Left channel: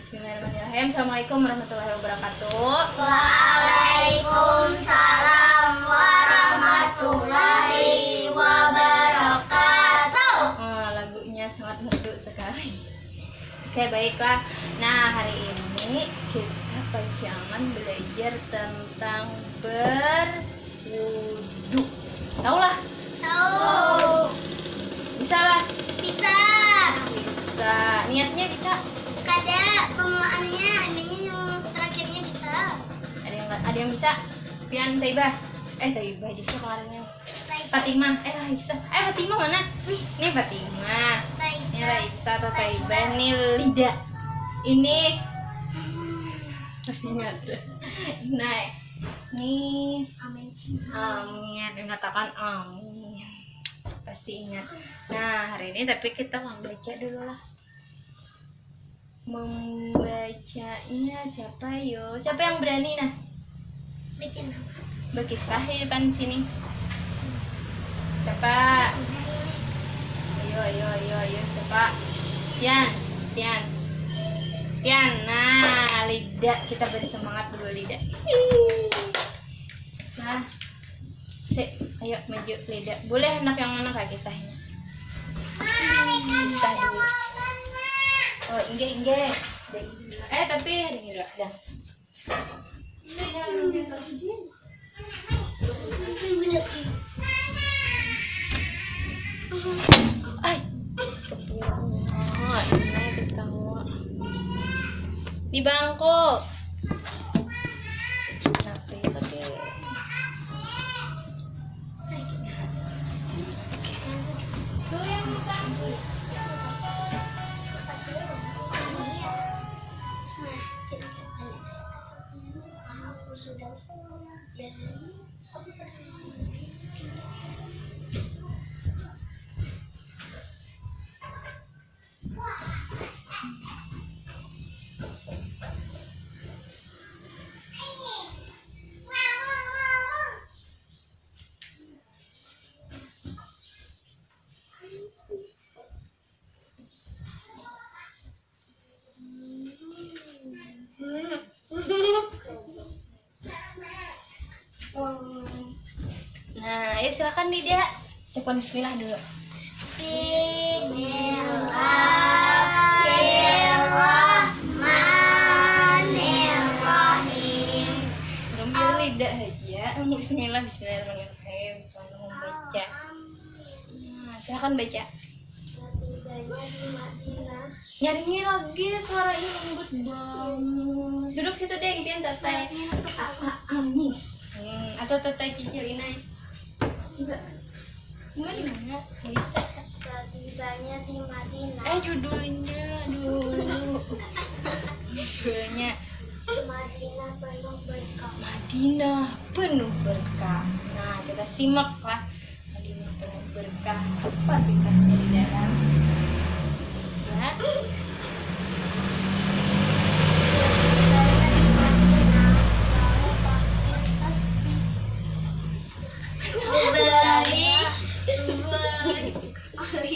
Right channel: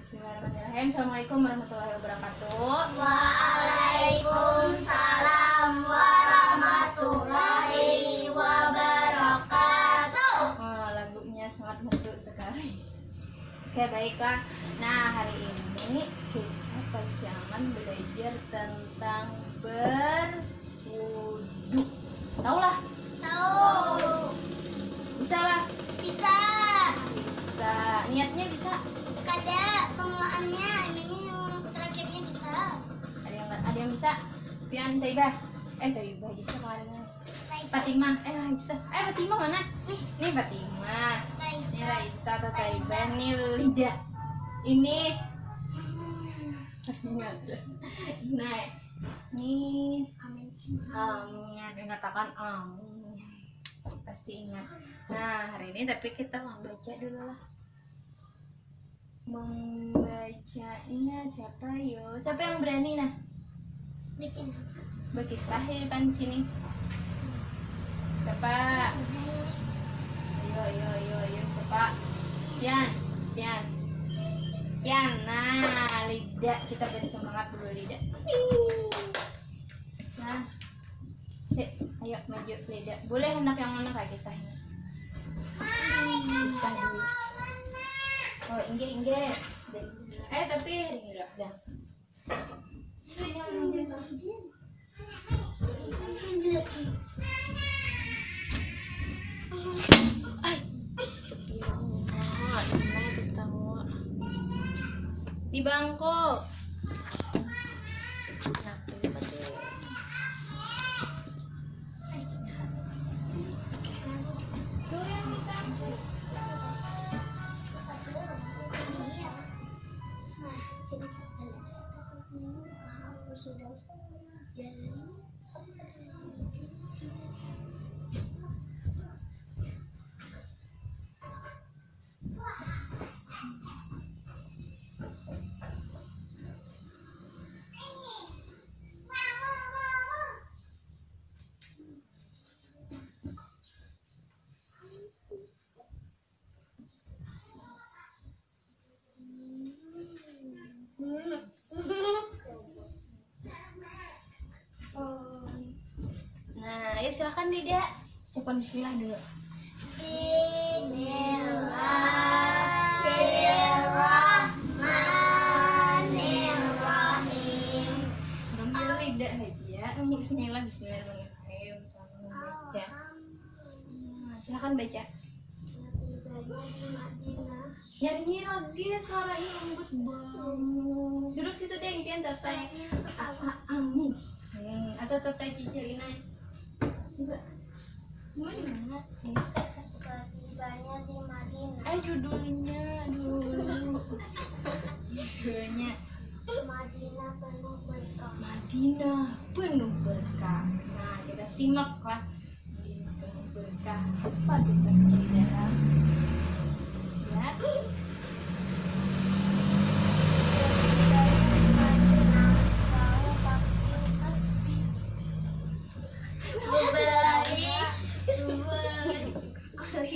Bismillahirrahmanirrahim. Assalamualaikum warahmatullahi wabarakatuh. Waalaikumsalam warahmatullahi wabarakatuh. Lagunya sangat merdu sekali. Oke, baiklah. Nah, hari ini kita pajangan belajar tentang berwudu. Tahu lah? Tahu. Bisa lah? Bisa. Bisa. Niatnya bisa. Kada pengolahannya, adanya yang terakhirnya bisa. Ada yang bisa? Pian Taibah. Taibah bisa kemarinnya. Fatimah. Raisa. Fatimah mana? Nih Fatimah. Ini Raisa atau Taibah. Ini Lida. Ini nah, ini Amin. Mengatakan amin. Pasti ingat. Nah, hari ini tapi kita mau baca dulu lah. Membacanya siapa yo? Siapa yang berani nah? Bikin apa? Berkisah di depan sini. Siapa? Ayo siapa? Pian. Nah, Lida, kita beri semangat dulu Lida. Nah, ayo maju Lida. Boleh anak yang mana kak kisahnya? Kisah dulu. Oh, Inge. Tapi ini udah. Di bangku. Nah, ayo silakan Lida. Ucapkan bismillah dulu. Bismillahirrahmanirrahim. Belum Lida aja. Bismillahirrahmanirrahim. Kamu membaca. Nah, silakan baca. Setibanya di Madinah. Nyanyi lagi, suaranya lembut banget. Duduk situ deh, impian tatai. Amin. Atau tatai kicirin aja. Gimana? Setibanya di Madinah. Judulnya dulu. Judulnya Madinah penuh berkah. Madinah penuh berkah. Nah, kita simak lah. Madinah penuh berkah. Apa kisahnya di dalam? Ya.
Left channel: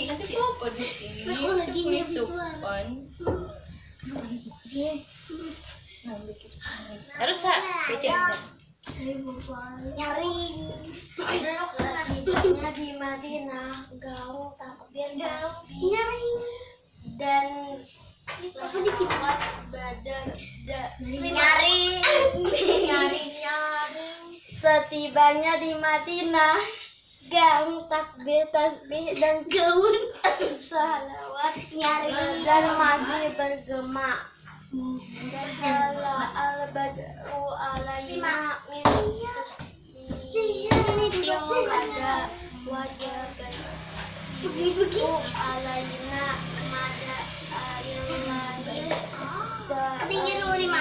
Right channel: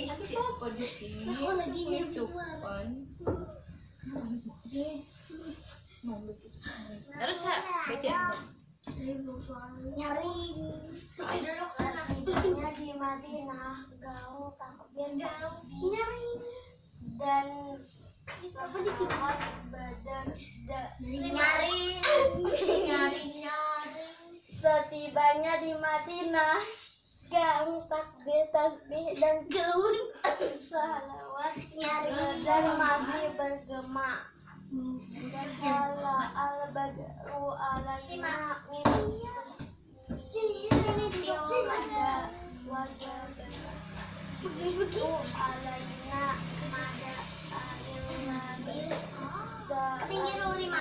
Tapi apa di sini? Ini sopan. Harus baca. Nyaring. Setibanya di Madinah, gaul takbir tasbih. Nyaring. Dan apa dikit badan nyaring. Setibanya di Madinah, gaul takbir tasbih dan gaun salawat nyaring dan masih bergema. Dakhala al-badru alaina min ada wajah begitu alaina mada ailani ketinggian nomor 5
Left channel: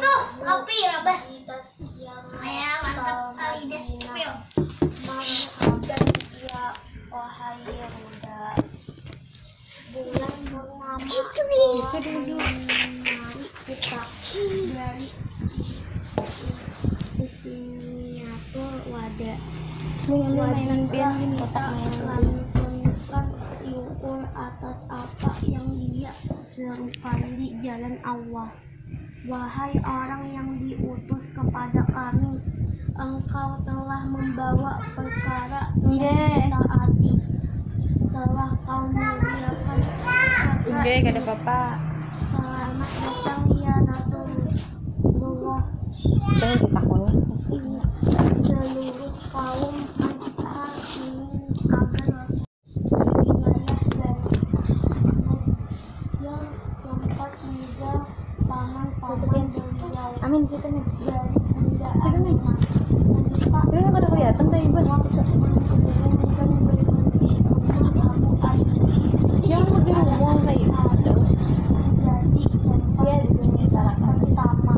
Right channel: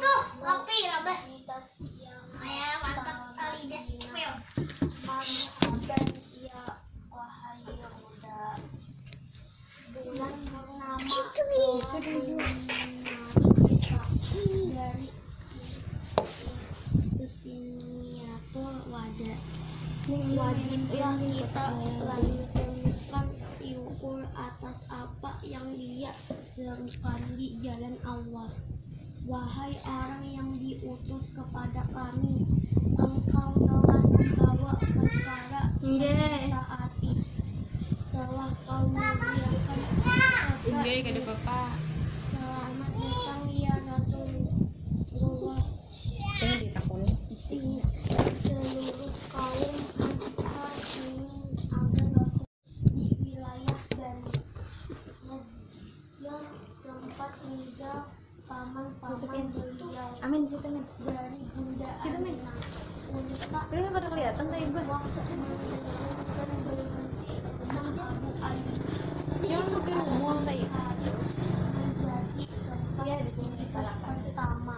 tuh kopi rabah ayah mantap kali deh marhaban ya wahai muda bulan purnama dari Bismillahirrahmanirrahim. mainan pian Wanita selalu menunjukkan syukur atas apa yang dia serukan di jalan Allah. Wahai orang yang diutus kepada kami, engkau telah membawa perkara yang taati, telah kau muliakan gak ada papa. Selamat datang ya Rasulullah. Jangan ditakuni. Seluruh kaum Ansar ingin agar Rasul wilayah dan yang tempat tinggal paman-paman beliau. Amin kita nih. Dari Bunda Aminah. Wanita Ini pada kelihatan tuh ibu. menurunkan berhenti rumah Abu Ayyub. Jangan pergi rumah kayak Harus menjadi tempat tinggal pertama.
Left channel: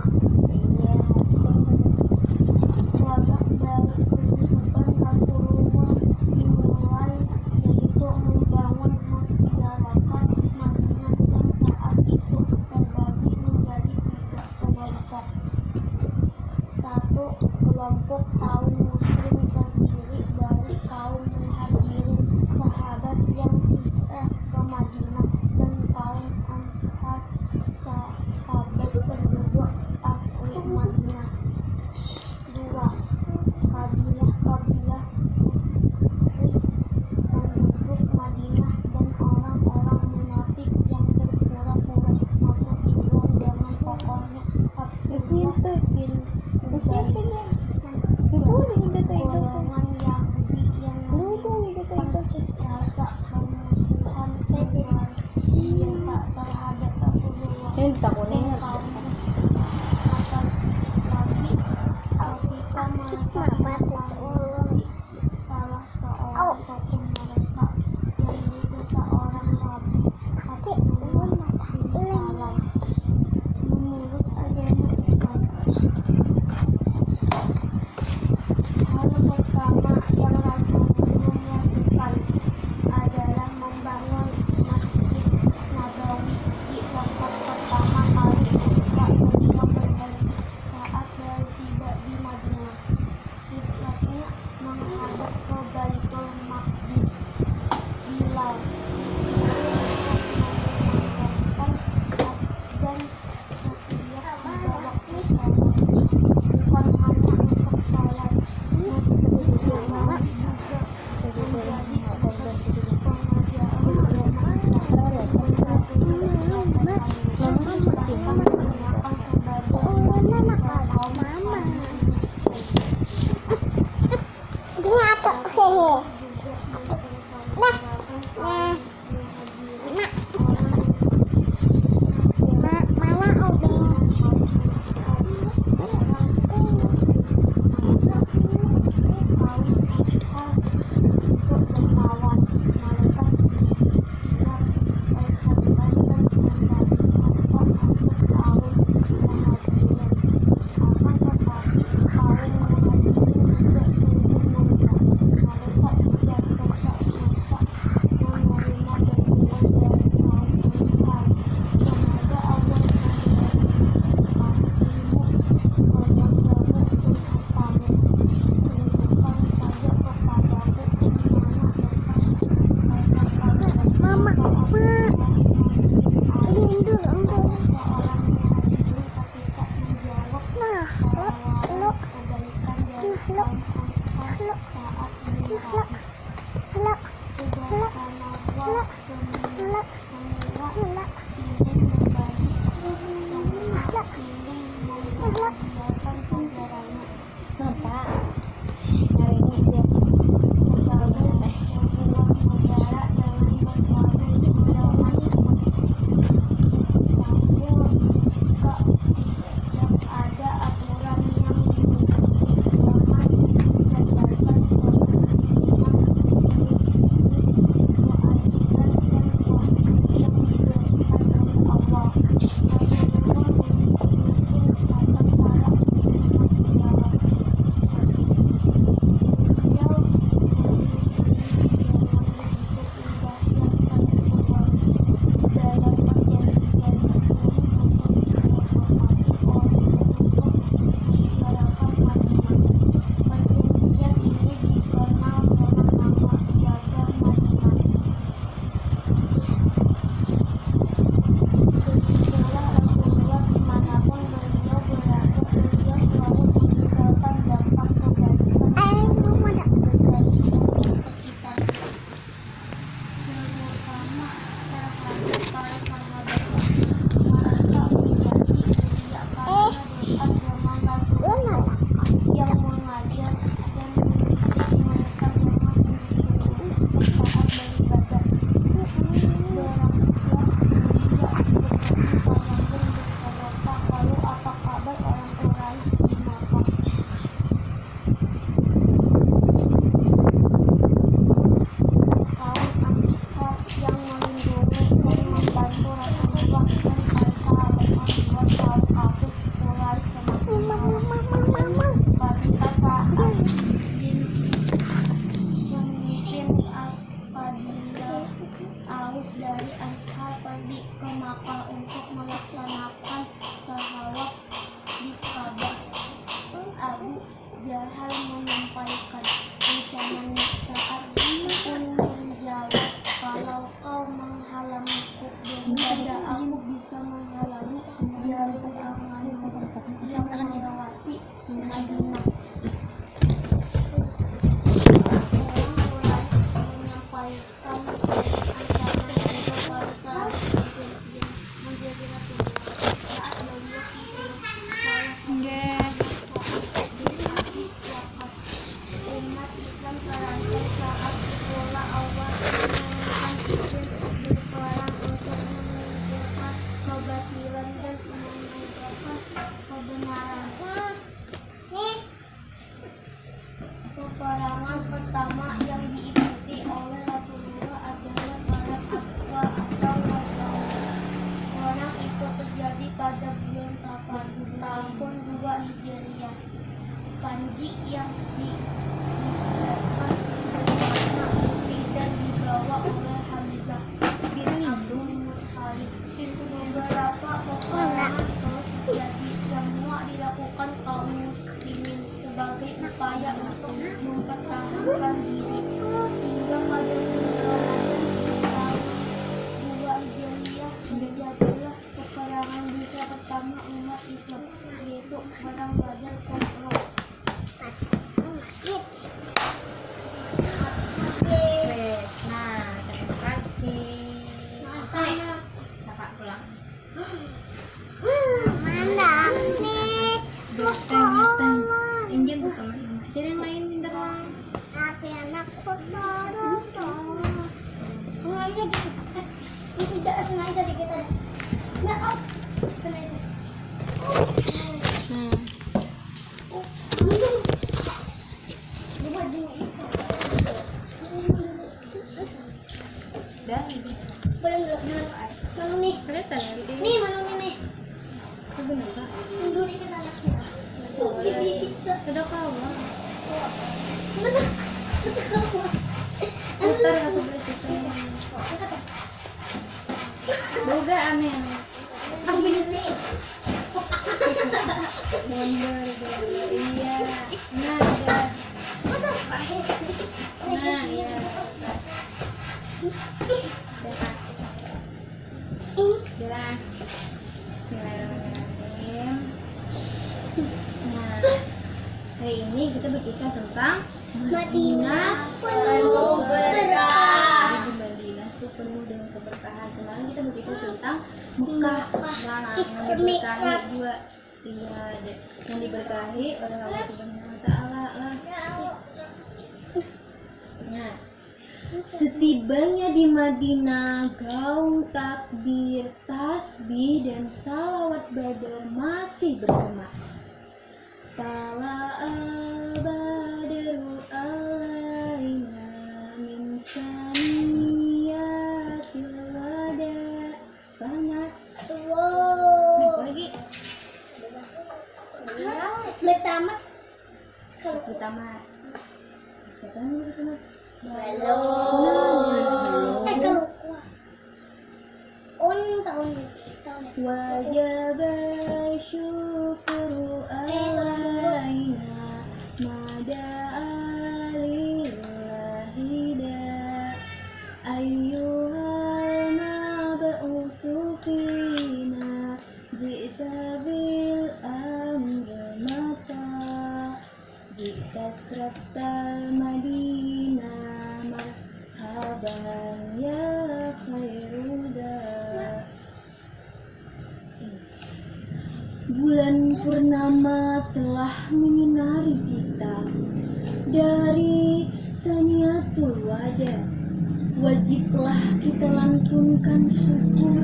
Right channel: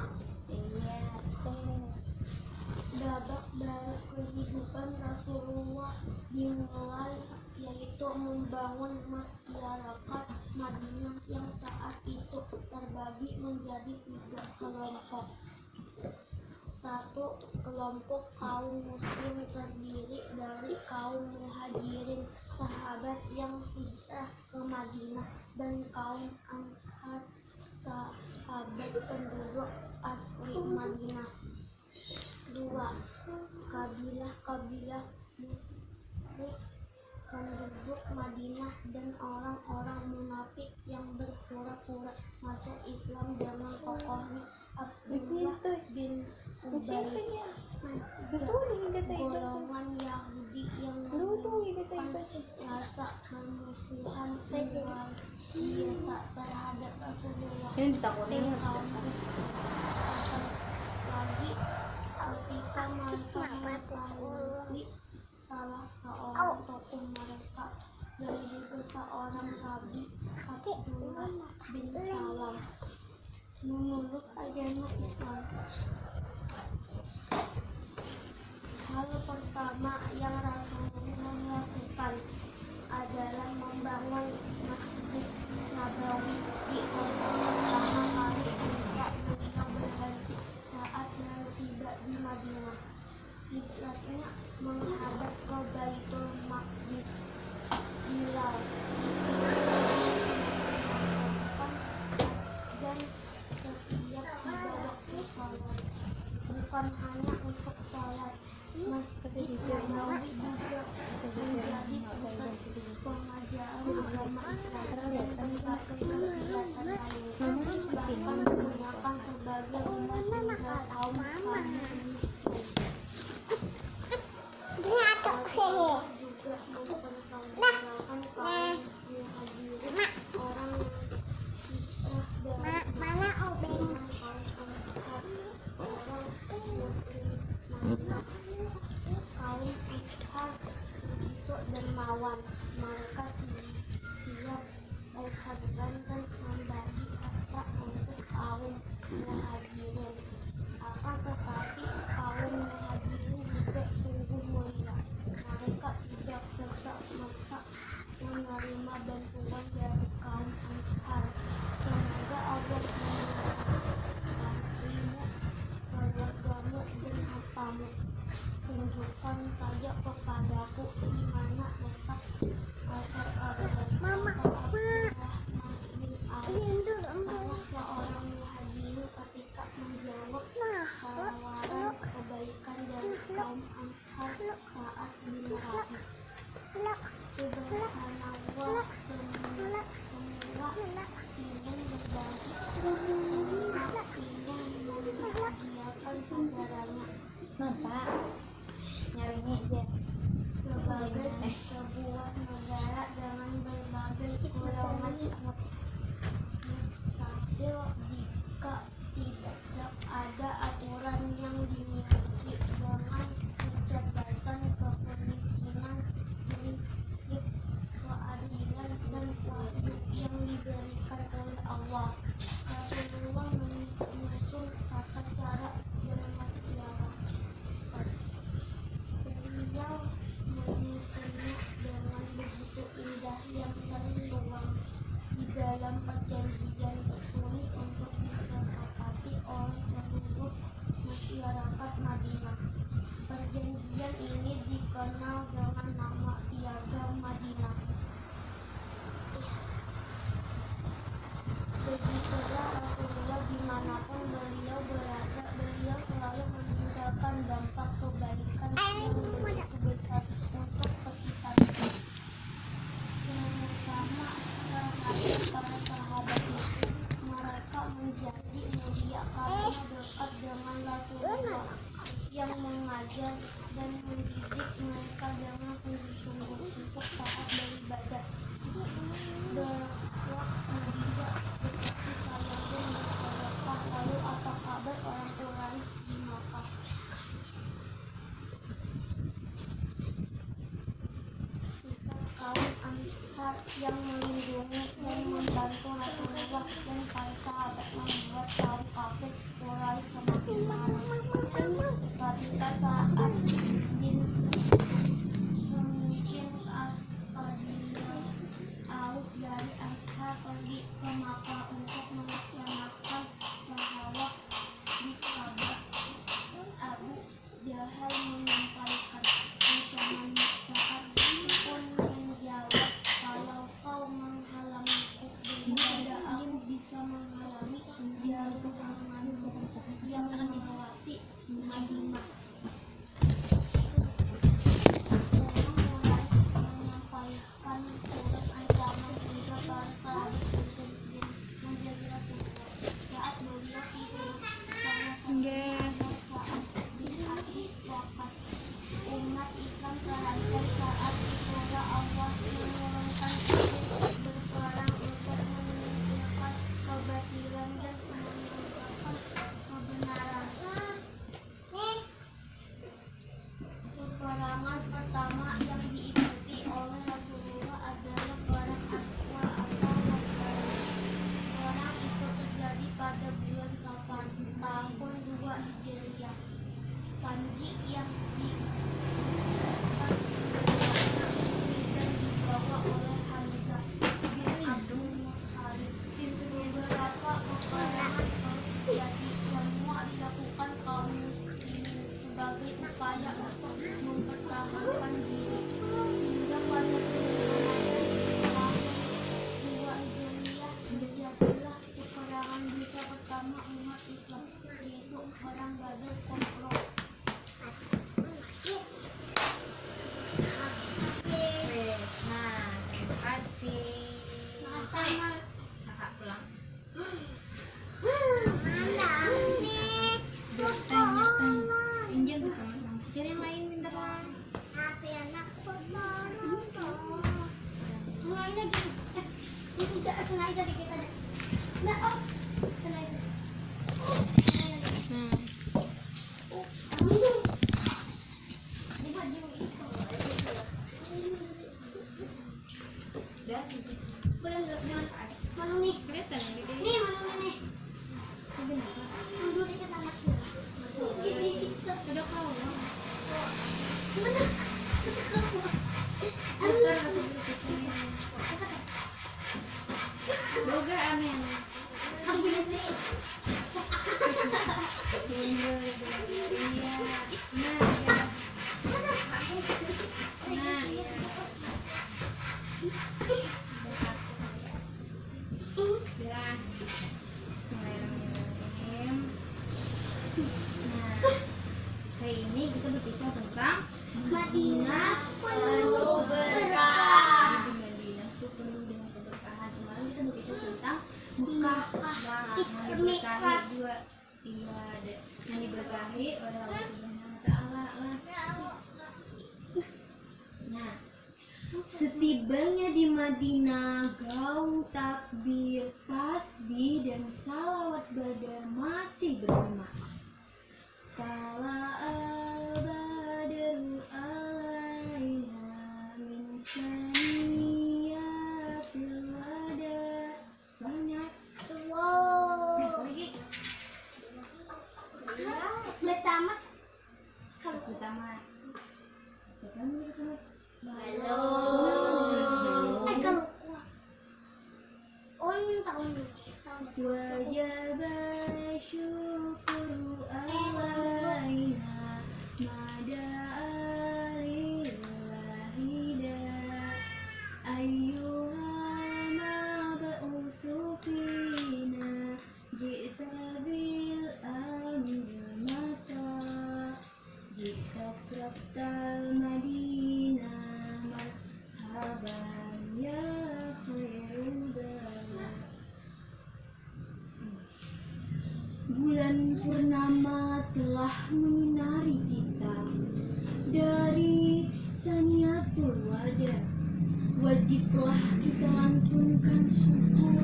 Babak baru kehidupan Rasulullah dimulai, yaitu membangun masyarakat Madinah yang saat itu terbagi menjadi 3 kelompok. 1. Kelompok kaum muslim terdiri dari kaum muhajirin, sahabat yang hijrah ke Madinah, dan kaum ansar, sahabat penduduk asli Madinah. 2. Kabilah-kabilah musyrik penduduk Madinah dan orang-orang munafik yang berpura-pura masuk Islam dengan tokohnya Abdullah bin Ubay. Golongan Yahudi yang menunjukkan rasa permusuhan luar biasa terhadap Rasulullah. Ini ditakuni. Dan kaum musyrik lagi ketika mereka mengetahui salah seorang tokoh mereka yang juga seorang nabi, Abdullah bin Salam, menurut agama Islam. Hal pertama yang Rasulullah lakukan adalah membangun Masjid Nabawi di tempat pertama kali ketika beliau berhenti saat baru tiba di Madinah. Kiblatnya menghadap ke Baitul Maqdis. Bilal untuk memandangkan adzan setiap 3 waktu salat, bukan hanya untuk salat. Masjid Nabawi juga menjadi pusat pengajaran agama Islam. Bahkan digunakan sebagai masjid kaum orang belajar kontrol. Nah, terima kasih. Kakak pulang. Injil buka mama. Jadi yang lain minta tolong. Tapi anakku dorong. Mulainya gitu. Ini tidak sengaja dikit aja. Nah, oh. Sengaja. Di baju itu. Dah. Belum Manu nih. Kelihatan ya di Nih manunya nih. Itu bener Kak. Mundur dikit anaknya. Ada kau. Bener. Putar atau beli Boga amin. Ambil ini. Mundur. Iya. Nah, ya. Nah, ya. Udah. Bismillahirrahmanirrahim. Nah, hari ini kita berkisah tentang Madinah penuh berkah. Di Madinah itu penuh dengan keberkahan. Sekarang kita berkisah tentang Mekah. Nah, yang diberkahi juga. Iya, yang diberkahi oleh Allah Subhanahu Wa Taala lah. Nah, setibanya di Madinah, gaung takbir, tasbih dan salawat badar masih bergema. Tala al-badru alaina min saniyatil wada. Semangat. Apa lagi? Bertamat. Kalau tamat. Siapa yang mau tamat? Halo. Kalau kuat. Tahun Wajib syukru alaina mada alillahida ayyuhal mab'usu fina ji'ta bil amri mata jika sraftal madinah marhaban ya khairuda. Bulan purnama telah menyinari kita dari saniyatul wada. Wajiblah kita lantunkan syukur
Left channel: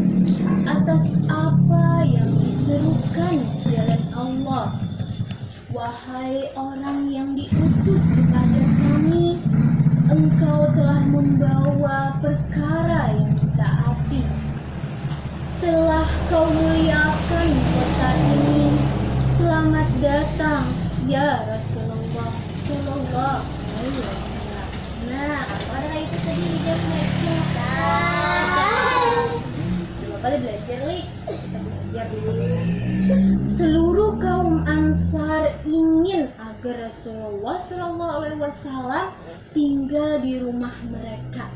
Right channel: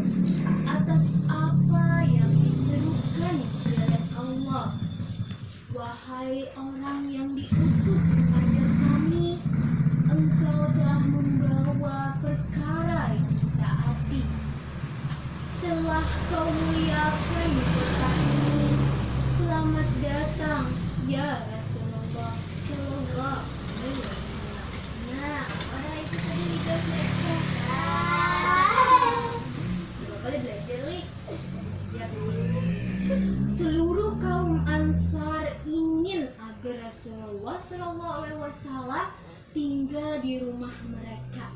atas apa yang diserukan jalan Allah. Wahai orang yang diutus kepada kami, engkau telah membawa perkara yang ditaati. Telah kau muliakan kota ini. Selamat datang ya Rasulullah Sallallahu Alaihi Wasallam. Nah, apa itu tadi juga belajar? Boleh belajar lik. Kita belajar dulu. Seluruh kaum Ansar ingin agar Rasulullah Sallallahu Alaihi Wasallam tinggal di rumah mereka.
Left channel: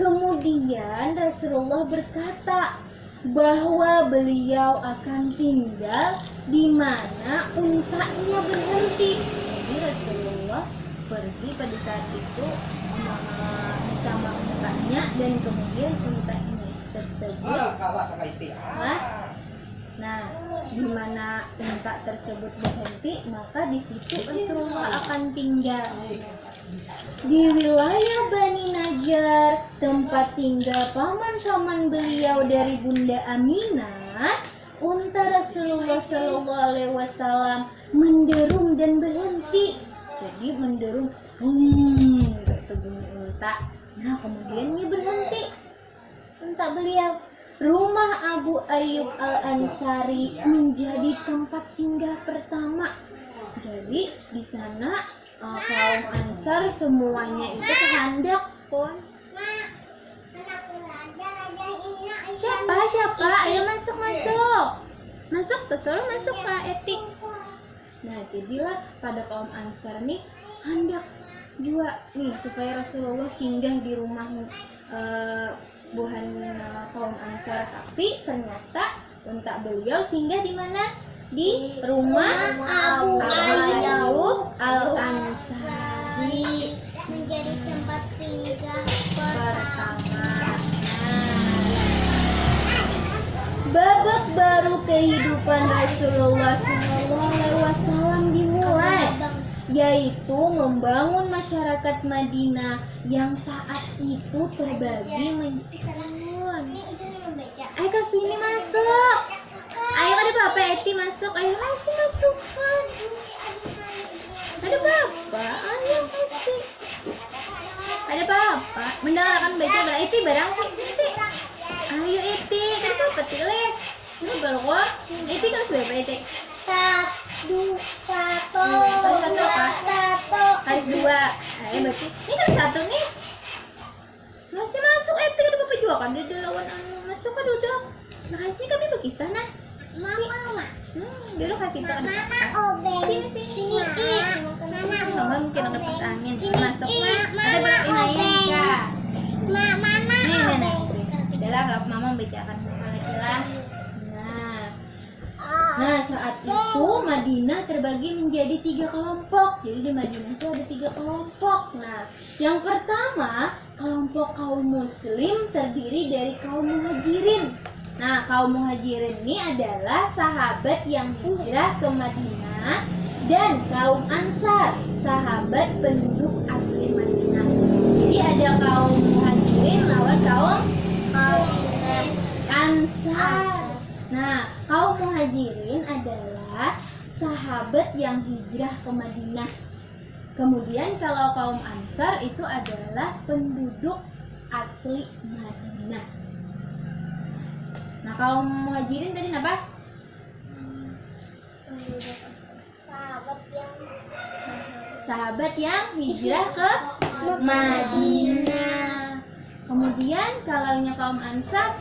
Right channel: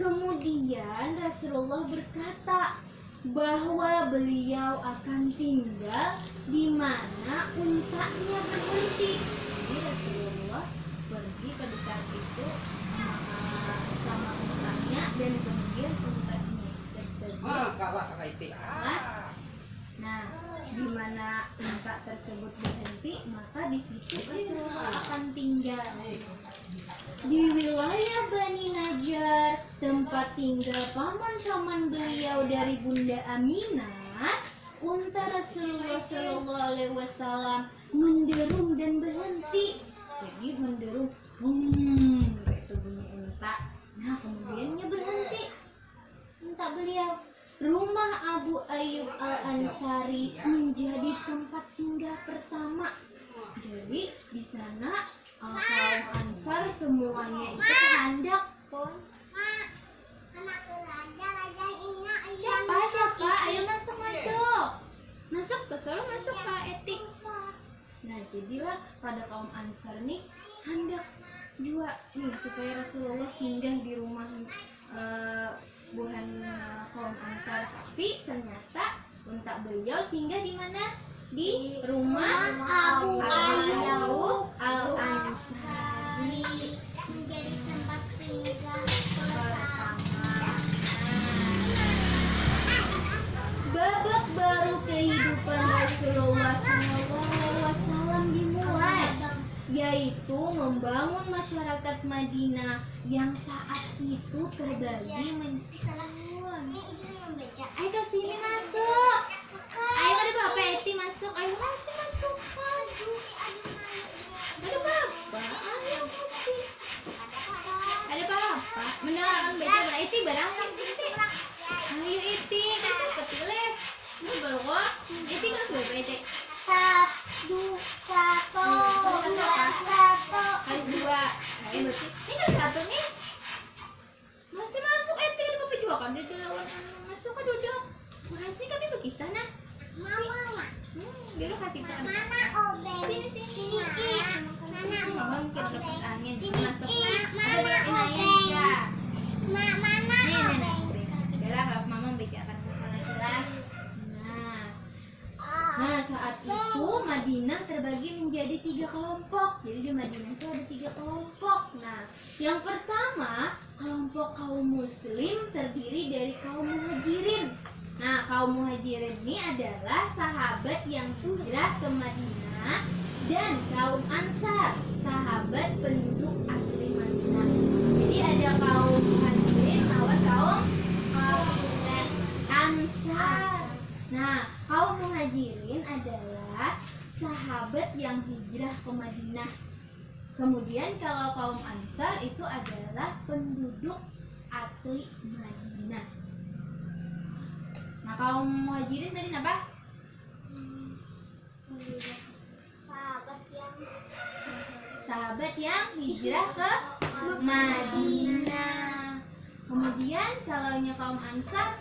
Kemudian Rasulullah berkata bahwa beliau akan tinggal di mana untanya berhenti. Jadi Rasulullah pergi pada saat itu bersama untanya dan kemudian unta ini tersebut. Nah, di mana unta tersebut berhenti, maka di situ Rasulullah akan tinggal. Di wilayah Bani Najjar, tempat tinggal paman-paman beliau dari Bunda Aminah, unta Rasulullah Sallallahu Alaihi Wasallam menderum dan berhenti. Jadi menderum, itu bunyi unta. Nah, kemudiannya berhenti unta beliau. Rumah Abu Ayyub Al-Ansari menjadi tempat singgah pertama. Jadi di sana kaum Ansar semuanya itu kehendak pon. Siapa? Ayo masuk. Masuk tuh, selalu masuk Kak Etik. Nah, jadilah pada kaum Ansar nih hendak juga nih supaya Rasulullah singgah di rumah bukan kaum Ansar, tapi ternyata unta beliau singgah di mana? Di rumah Abu Ayyub Al-Ansari menjadi tempat singgah pertama. Babak baru kehidupan Rasulullah SAW dimulai, yaitu membangun masyarakat Madinah yang saat itu terbagi menjadi. Ayo ke sini masuk. Ayo ada Bapak Eti masuk. Ayo masukkan. Ada Bapak. Ayo masih. Ada Bapak. Mendengarkan baca barang Eti barang Eti. Ayo Eti. Kan Bapak tileh. Ini balok. Eti kan berapa Eti? Satu. Harus dua. Ayo berarti. Ini kan satu nih. Masih masuk Eti kan Bapak juga kan ada lawan masuk ke duduk. Makasih kami berkisah nah. Mama. Dulu kasih tak ada. Obeng. Sini. Mama mungkin ada pas angin. Masuk Mama, ada berkinain enggak? Mama. Nih. Adalah kalau Mama membacakan lagi lah. Nah, saat itu Madinah terbagi menjadi 3 kelompok. Jadi di Madinah itu ada 3 kelompok. Nah, yang pertama kelompok kaum Muslim terdiri dari kaum Muhajirin. Nah, kaum Muhajirin ini adalah sahabat yang hijrah ke Madinah, dan kaum Ansar, sahabat penduduk asli Madinah. Jadi ada kaum Muhajirin lawan kaum Ansar. Nah, kaum Muhajirin adalah sahabat yang hijrah ke Madinah. Kemudian kalau kaum Ansar itu adalah penduduk asli Madinah. Nah, kaum Muhajirin tadi apa? Sahabat yang hijrah ke Madinah. Kemudian kalau kaum Ansar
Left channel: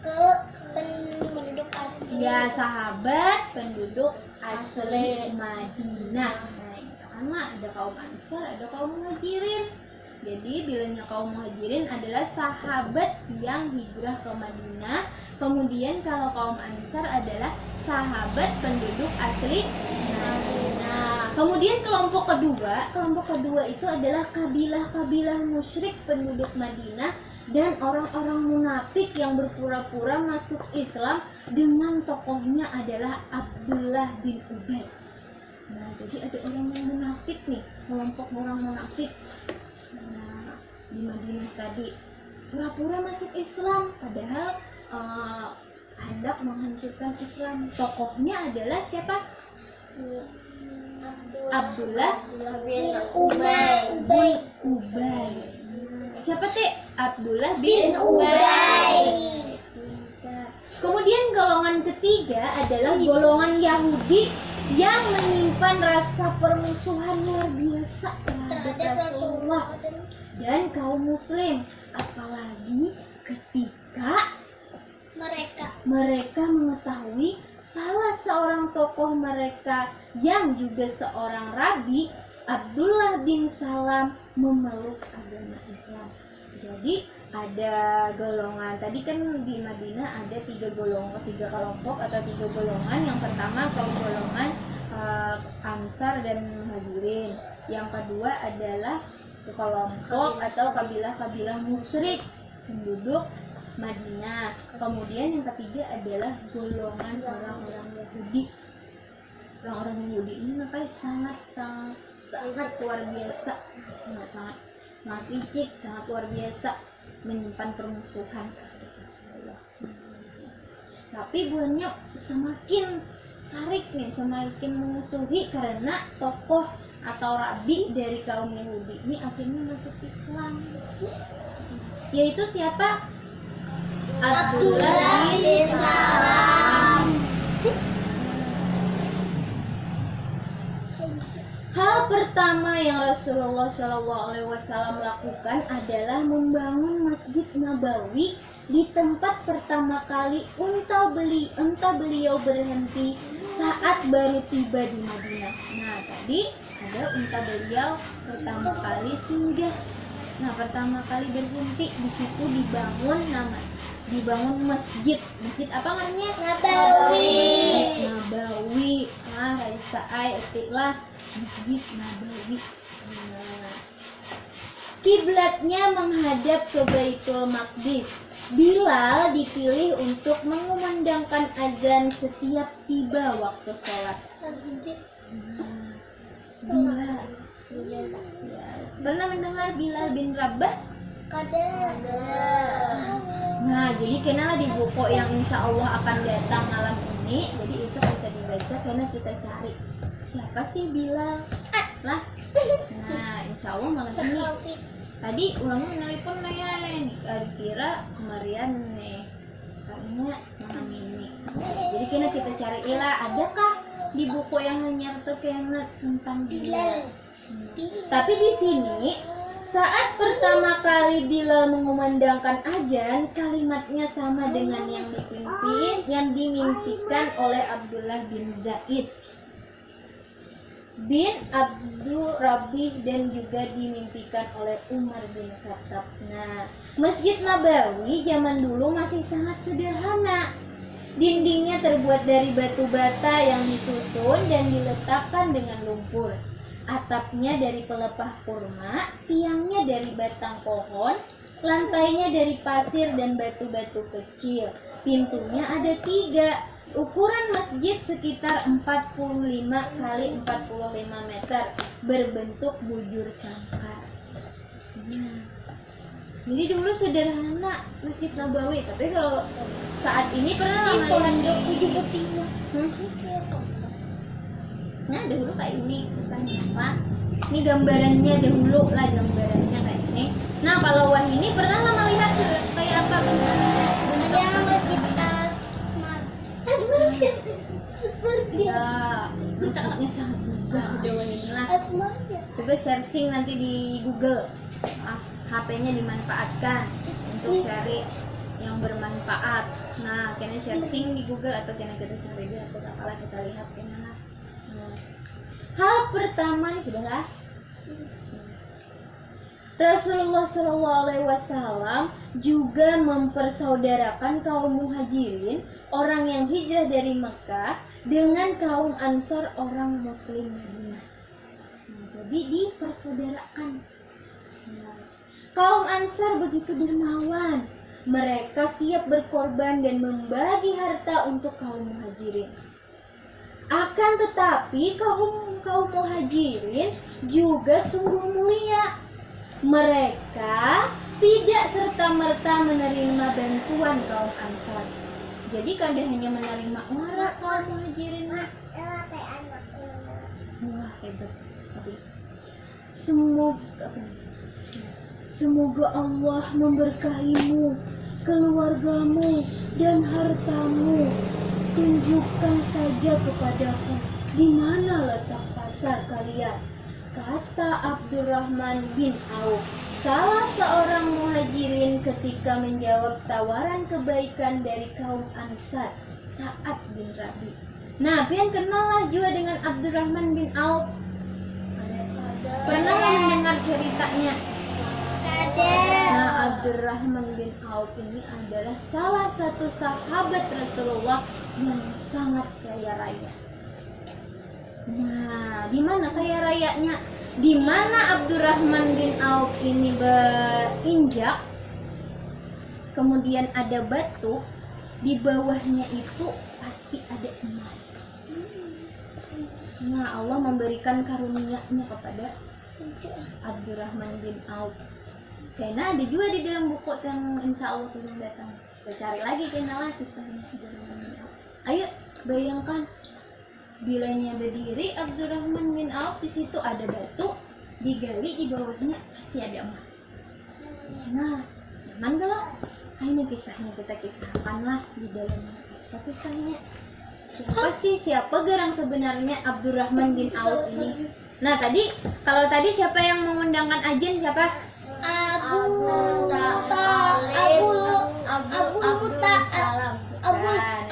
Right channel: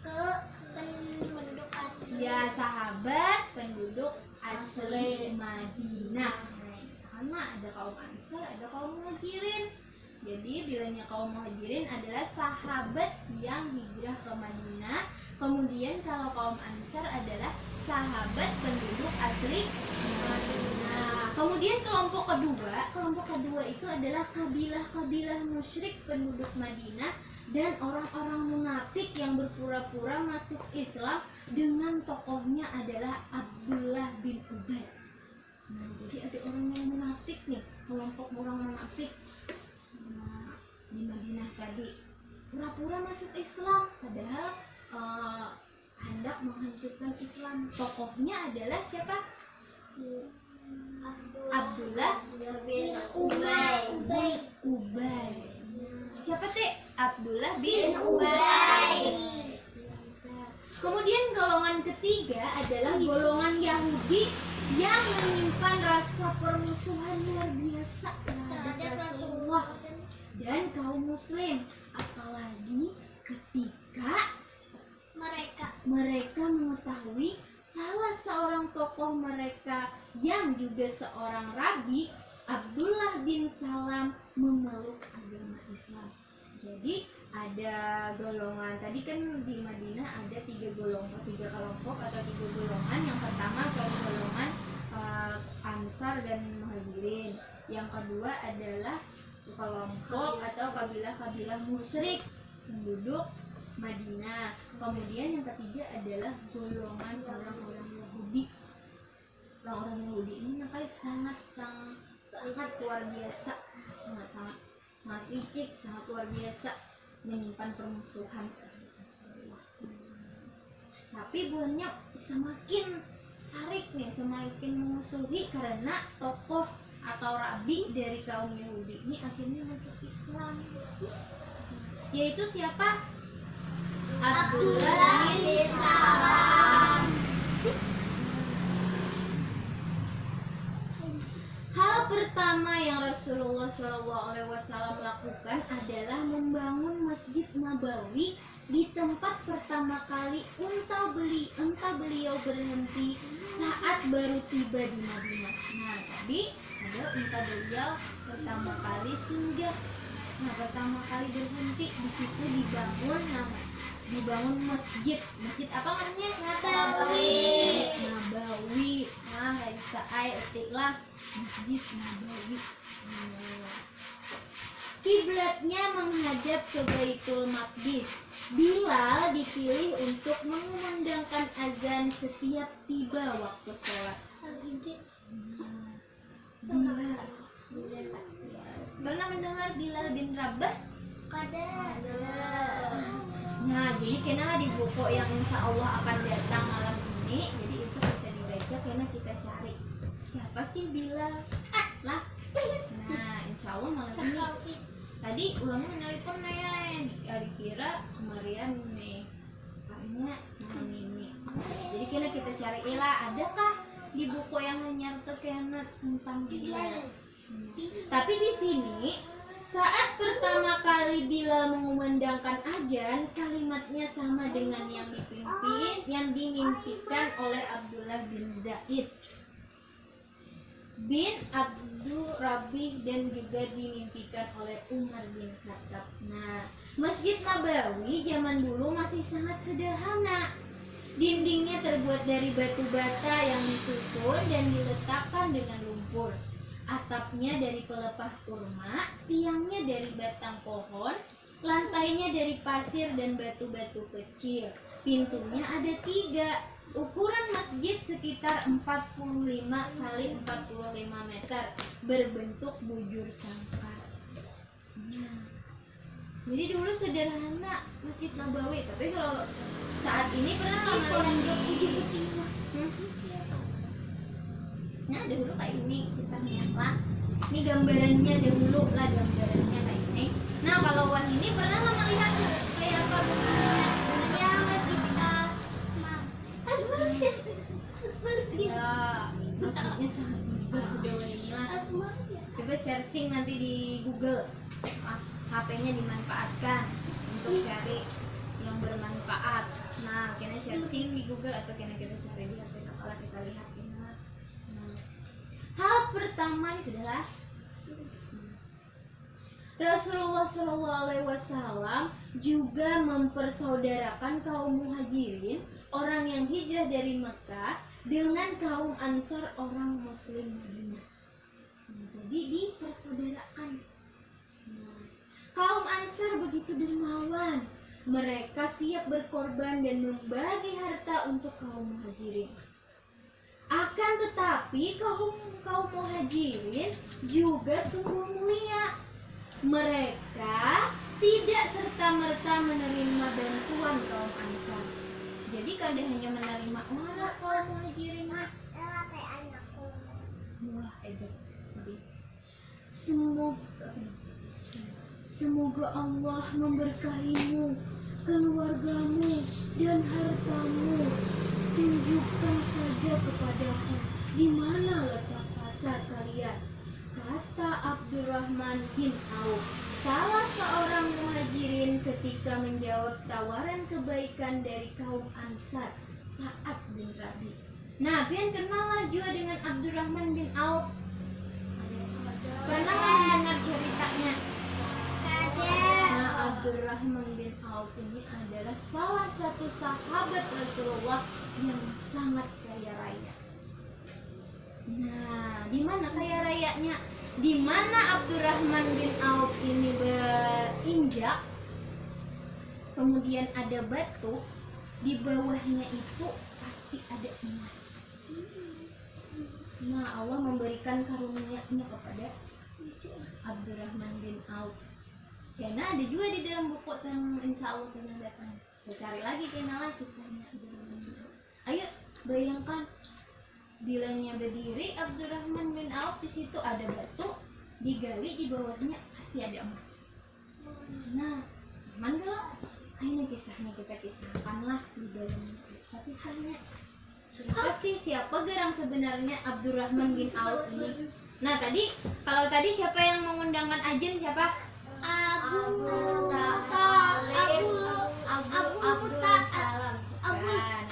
Ke penduduk asli. ya sahabat penduduk asli Madinah. Nah, karena ada kaum Ansar, ada kaum Muhajirin. Jadi bilangnya kaum Muhajirin adalah sahabat yang hijrah ke Madinah. Kemudian kalau kaum Ansar adalah sahabat penduduk asli Madinah. Kemudian kelompok kedua itu adalah kabilah-kabilah musyrik penduduk Madinah dan orang-orang munafik yang berpura-pura masuk Islam dengan tokohnya adalah Abdullah bin Ubay. Nah, jadi ada orang yang munafik nih, kelompok orang munafik. Nah, di Madinah tadi pura-pura masuk Islam padahal hendak menghancurkan Islam. Tokohnya adalah siapa? Abdullah bin Ubay. Siapa teh? Abdullah bin Ubay. Kemudian golongan ketiga adalah golongan Yahudi yang menyimpan rasa permusuhan luar biasa terhadap Rasulullah dan kaum Muslim, apalagi ketika mereka mengetahui salah seorang tokoh mereka yang juga seorang rabi, Abdullah bin Salam, memeluk agama Islam. Jadi ada golongan, tadi kan di Madinah ada 3 kelompok atau 3 golongan. Yang pertama golongan Ansar dan Muhajirin. Yang kedua adalah kelompok atau kabilah-kabilah musyrik penduduk Madinah. Kemudian yang ketiga adalah golongan orang-orang Yahudi. Orang-orang Yahudi ini makanya sangat luar biasa, sangat licik, sangat luar biasa, menyimpan permusuhan terhadap Rasulullah. Tapi buahnya semakin sarik nih, semakin memusuhi karena tokoh atau rabi dari kaum Yahudi ini akhirnya masuk Islam. Yaitu siapa? Abdullah bin Salam. Hal pertama yang Rasulullah SAW lakukan adalah membangun Masjid Nabawi di tempat pertama kali unta beliau berhenti saat baru tiba di Madinah. Nah, tadi ada unta beliau pertama kali singgah Nah, pertama kali berhenti di situ dibangun masjid. Masjid apa namanya? Nabawi. Nah, Raisa istilah Masjid Nabawi. Nah, kiblatnya menghadap ke Baitul Maqdis. Bilal dipilih untuk mengumandangkan azan setiap tiba waktu sholat. Bilal. Pernah mendengar Bilal bin Rabah? Kada. Nah, jadi kenapa di buku yang insya Allah akan datang malam ini, jadi itu bisa dibaca karena kita cari siapa sih Bilal lah. Nah, insya Allah malam ini. Tadi ulangnya menelpon ya, dikira kemarin nih, kayaknya malam ini. Jadi kena kita cari ilah, adakah di buku yang hanya kena tentang Bilal? Tapi di sini saat pertama kali Bilal mengumandangkan azan, kalimatnya sama dengan yang dimimpikan oleh Abdullah bin Zaid bin Abdul Rabih dan juga dimimpikan oleh Umar bin Khattab. Nah, Masjid Nabawi zaman dulu masih sangat sederhana. Dindingnya terbuat dari batu bata yang disusun dan diletakkan dengan lumpur. Atapnya dari pelepah kurma, tiangnya dari batang pohon, lantainya dari pasir dan batu-batu kecil. Pintunya ada 3. Ukuran masjid sekitar 45 kali 45 meter, berbentuk bujur sangkar. Jadi dulu sederhana Masjid Nabawi, tapi kalau saat ini pernah lihat nah dahulu kayak ini bukan apa? Ini gambarannya dahulu lah, gambarannya kayak ini. Nah kalau wah ini pernah lama lihat kayak apa bentuknya? Ya, bentuknya sangat megah lah. Coba searching nanti di Google. HP-nya dimanfaatkan untuk cari yang bermanfaat. Nah, kena searching di Google atau kena kita cari di atau apalah kita lihat kena. Hal pertama ini sudahlah. Rasulullah SAW juga mempersaudarakan kaum muhajirin, orang yang hijrah dari Mekah, dengan kaum Ansar, orang Muslim Madinah. Jadi dipersaudarakan. Kaum Ansar begitu dermawan. Mereka siap berkorban dan membagi harta untuk kaum muhajirin. Akan tetapi kaum muhajirin juga sungguh mulia. Mereka tidak serta-merta menerima bantuan kaum Ansar. Jadi kada hanya menerima orang kaum muhajirin. Wah, hebat. Semoga Allah memberkahimu, keluargamu, dan hartamu. Tunjukkan saja kepadaku di mana letak pasar kalian, kata Abdurrahman bin Auf, salah seorang muhajirin ketika menjawab tawaran kebaikan dari kaum Ansar, Sa'ad bin Rabi. Nah, pian kenal lah juga dengan Abdurrahman bin Auf. Pernah mendengar ceritanya? Nah, Abdurrahman bin Auf ini adalah salah satu sahabat Rasulullah yang sangat kaya raya. Nah, di mana kaya rayanya? Di mana Abdurrahman bin Auf ini berinjak, kemudian ada batu, di bawahnya itu pasti ada emas. Nah, Allah memberikan karunia-Nya kepada Abdurrahman bin Auf. Karena ada juga di dalam buku yang insya Allah belum datang. Kita cari lagi kenalah kisahnya Abdurrahman bin Auf. Ayo bayangkan, bilanya berdiri Abdurrahman bin Auf, di situ ada batu, digali, di bawahnya pasti ada emas. Nah, nyaman kalau ini kisahnya kita kisahkanlah di dalamnya. Apa kisahnya? Siapa garang sebenarnya Abdurrahman bin Auf ini? Nah, kalau tadi siapa yang mengundangkan azan siapa?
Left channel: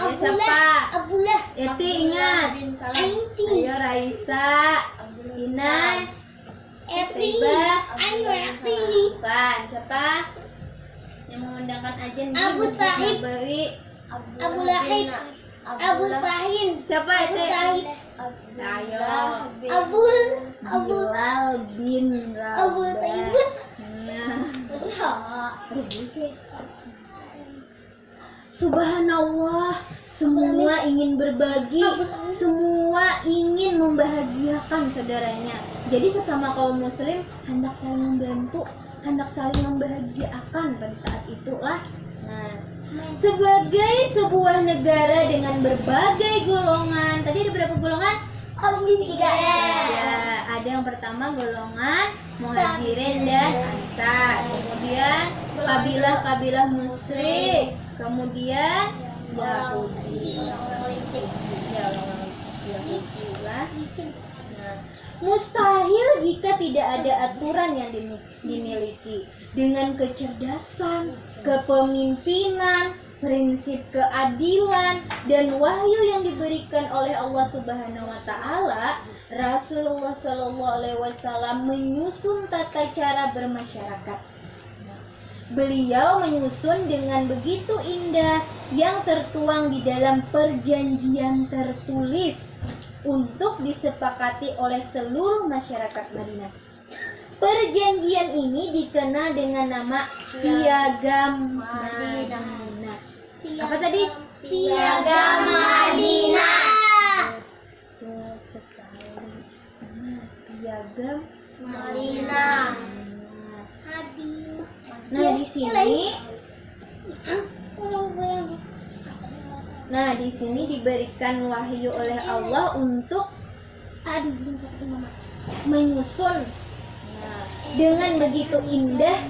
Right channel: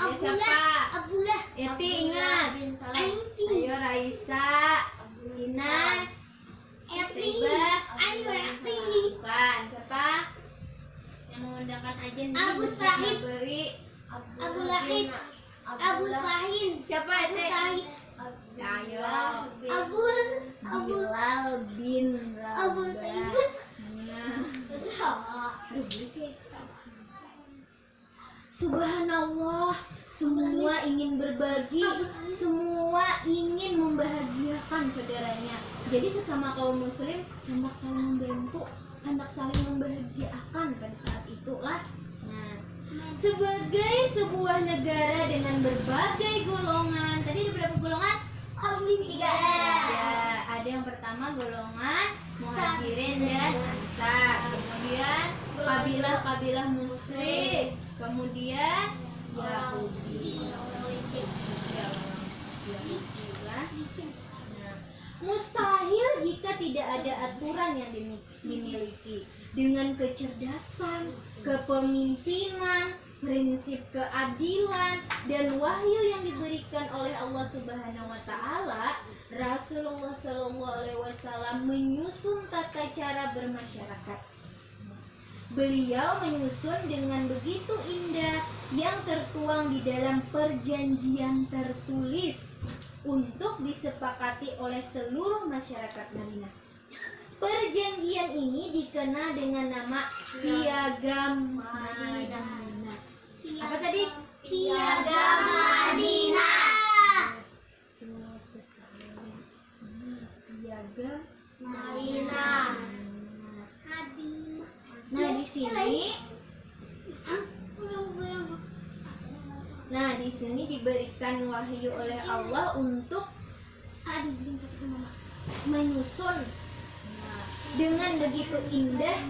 Abdullah. Eti ingat. Ayo Raisa, Ina, Eti. Tibah, Ayo Eti. kebanyakan aja nih. Abu Sahib. Abu Lahib. Abu Sahib. Siapa Abu itu? Sahib. Ayo. Abu Bilal bin Abu Rabah. Taib. Nah. Subhanallah, semua ingin berbagi, semua ingin membahagiakan saudaranya. Jadi sesama kaum muslim hendak saling membantu, hendak saling membahagiakan pada saat itulah. Nah, sebagai sebuah negara dengan berbagai golongan, tadi ada berapa golongan? Tiga. Ada yang pertama golongan Muhajirin dan Ansar, kemudian kabilah-kabilah musyrik, kemudian Yahudi. Nah, mustahil jika tidak ada aturan yang dimiliki dengan kecerdasan, kepemimpinan, prinsip keadilan dan wahyu yang diberikan oleh Allah Subhanahu wa taala. Rasulullah Shallallahu alaihi wasallam menyusun tata cara bermasyarakat. Beliau menyusun dengan begitu indah yang tertuang di dalam perjanjian tertulis untuk disepakati oleh seluruh masyarakat Madinah. Perjanjian ini dikenal dengan nama Piagam Madinah. Apa tadi? Piagam Madinah. Betul sekali. Piagam Madinah. Nah, di sini Nah, di sini diberikan wahyu oleh Allah untuk menyusun dengan begitu indah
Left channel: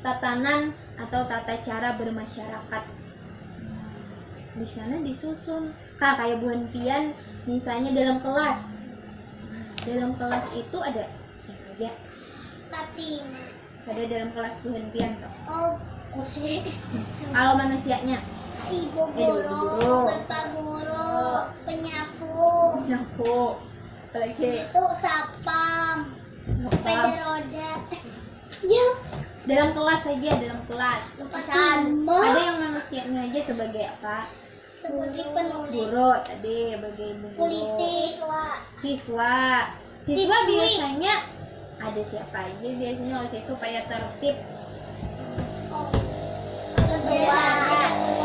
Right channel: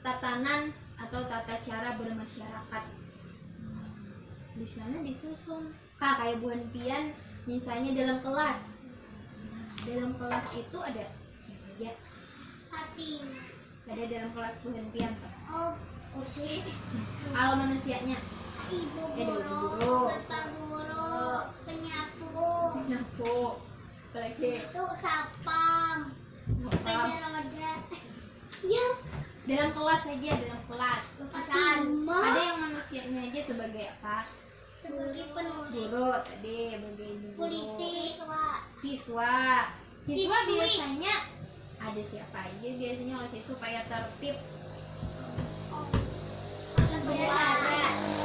tatanan atau tata cara bermasyarakat. Di sana disusun kayak Bu Hentian misalnya dalam kelas. Dalam kelas itu ada siapa aja? Fatima. Ada dalam kelas Bu Hentian toh. Oh, kursi. Kalau manusianya Ibu guru. guru, bapak guru, penyapu, Nyapu. Apalagi itu sapam, sepeda roda. Ya, dalam kelas saja, dalam kelas. sama. Ada yang manusianya aja sebagai apa? Sebagai penulis, Guru tadi, sebagai ibu guru. polisi, Siswa Siswi. biasanya ada siapa aja biasanya kalau siswa supaya tertib.